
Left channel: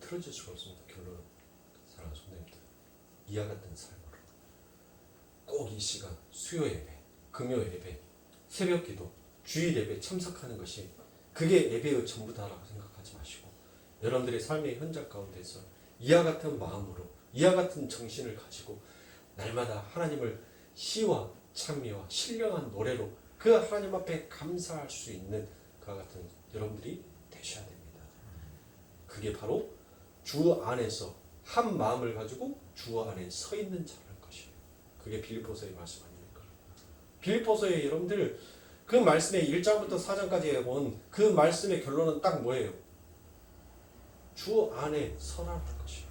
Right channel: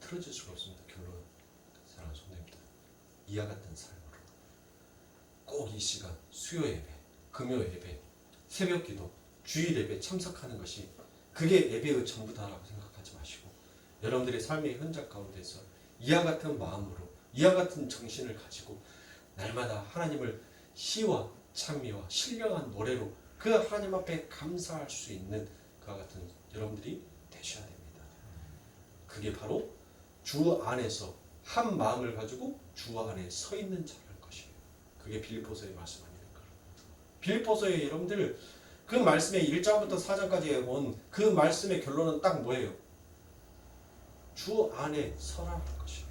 틀어질 수가 없습니다. 결론은 사랑하는 성도님들, 이와 같은 삶으로 꼭 이 시간 수요 예배, 금요 예배, 새벽 기도, 주일 예배 참석하는 것이 그게 예배의 전부다라고 생각하지 마시고 여러분들의 삶의 현장 가운데서 이와 같은 마음으로 이와 같은 정신을 가지고 날마다 하나님을 시와 찬미와 신령한 노래로 그 하나님 앞에 감사할 수 있는 그와 같은 여러분들이 되셔야 됩니다. 그게 바로 주 안에서 한 마음을 가지고 주 안에 서 있는 자라는 것이에요. 그게 빌립보서의 말씀 아닙니까? 빌립보서의 여러분들 그 말씀의 1장부터 4장까지 본 그 말씀의 결론은 딱 뭐예요? 주 안에 서라는 것이에요.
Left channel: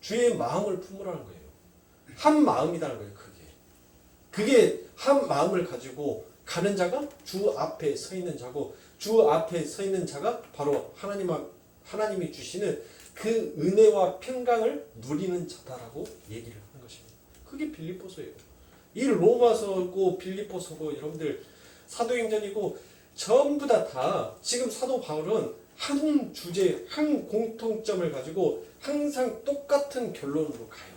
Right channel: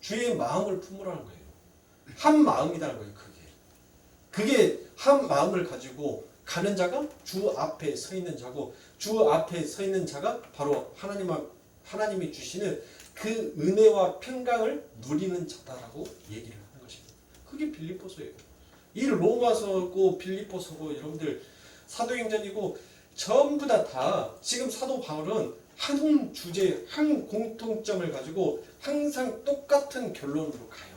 주의 마음을 품으라는 거예요. 한 마음이라는 거예요. 그게 한 마음을 가지고 가는 자가 주 앞에 서 있는 자고, 주 앞에 서 있는 자가 바로 하나님이 주시는 그 은혜와 평강을 누리는 자다라고 얘기를 하는 것입니다. 그게 빌립보서예요. 이 로마서고 빌립보서고 여러분들 사도행전이고 전부 다 지금 사도 바울은 한 주제, 한 공통점을 가지고 항상 똑같은 결론으로 가요.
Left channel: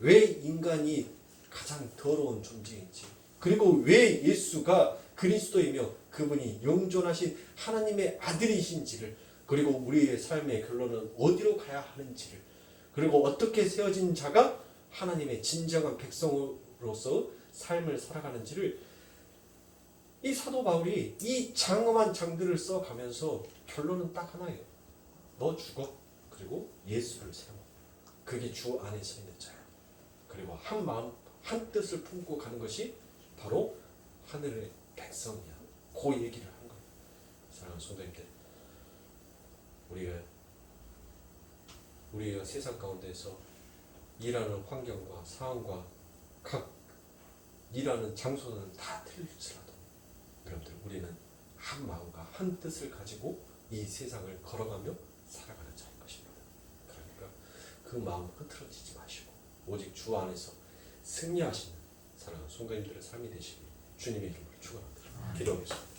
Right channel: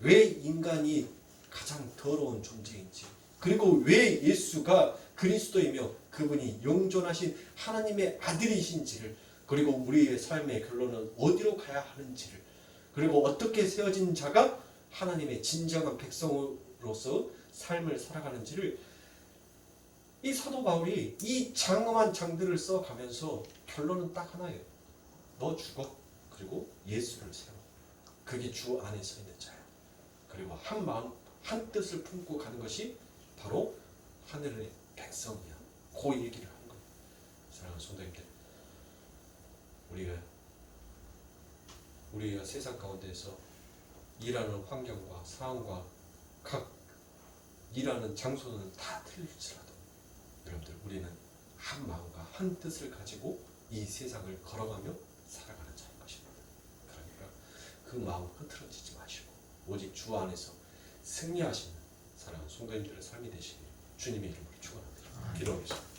왜 인간이 가장 더러운 존재인지, 그리고 왜 예수가 그리스도이며 그분이 영존하신 하나님의 아들이신지를, 그리고 우리의 삶의 결론은 어디로 가야 하는지를, 그리고 어떻게 세워진 자가 하나님의 진정한 백성으로서 삶을 살아가는지를 이 사도 바울이 이 장엄한 장들을 써가면서 결론은 딱 하나예요. 너 죽어. 그리고 예수를 세워. 그게 주 안에 서 있는 자야. 그리고 한 마음 한 뜻을 품고 가는 것이 바로 하늘의 백성이야. 그 얘기를 하는 거예요. 사랑하는 성도님들, 우리가 세상 가운데서 일하는 환경과 상황과 각 일하는 장소는 다 틀릴지라도 여러분들, 우리는 한 마음과 한 뜻을 가지고 이 세상을 걸어가며 살아가는 자인 것입니다. 그러니까 그 마음 흐트러지지 마시고 오직 주 안에서 승리하시는 사랑하는 성도님들의 삶이 되시길 주님의 이름으로 축원합니다. 기도하겠습니다.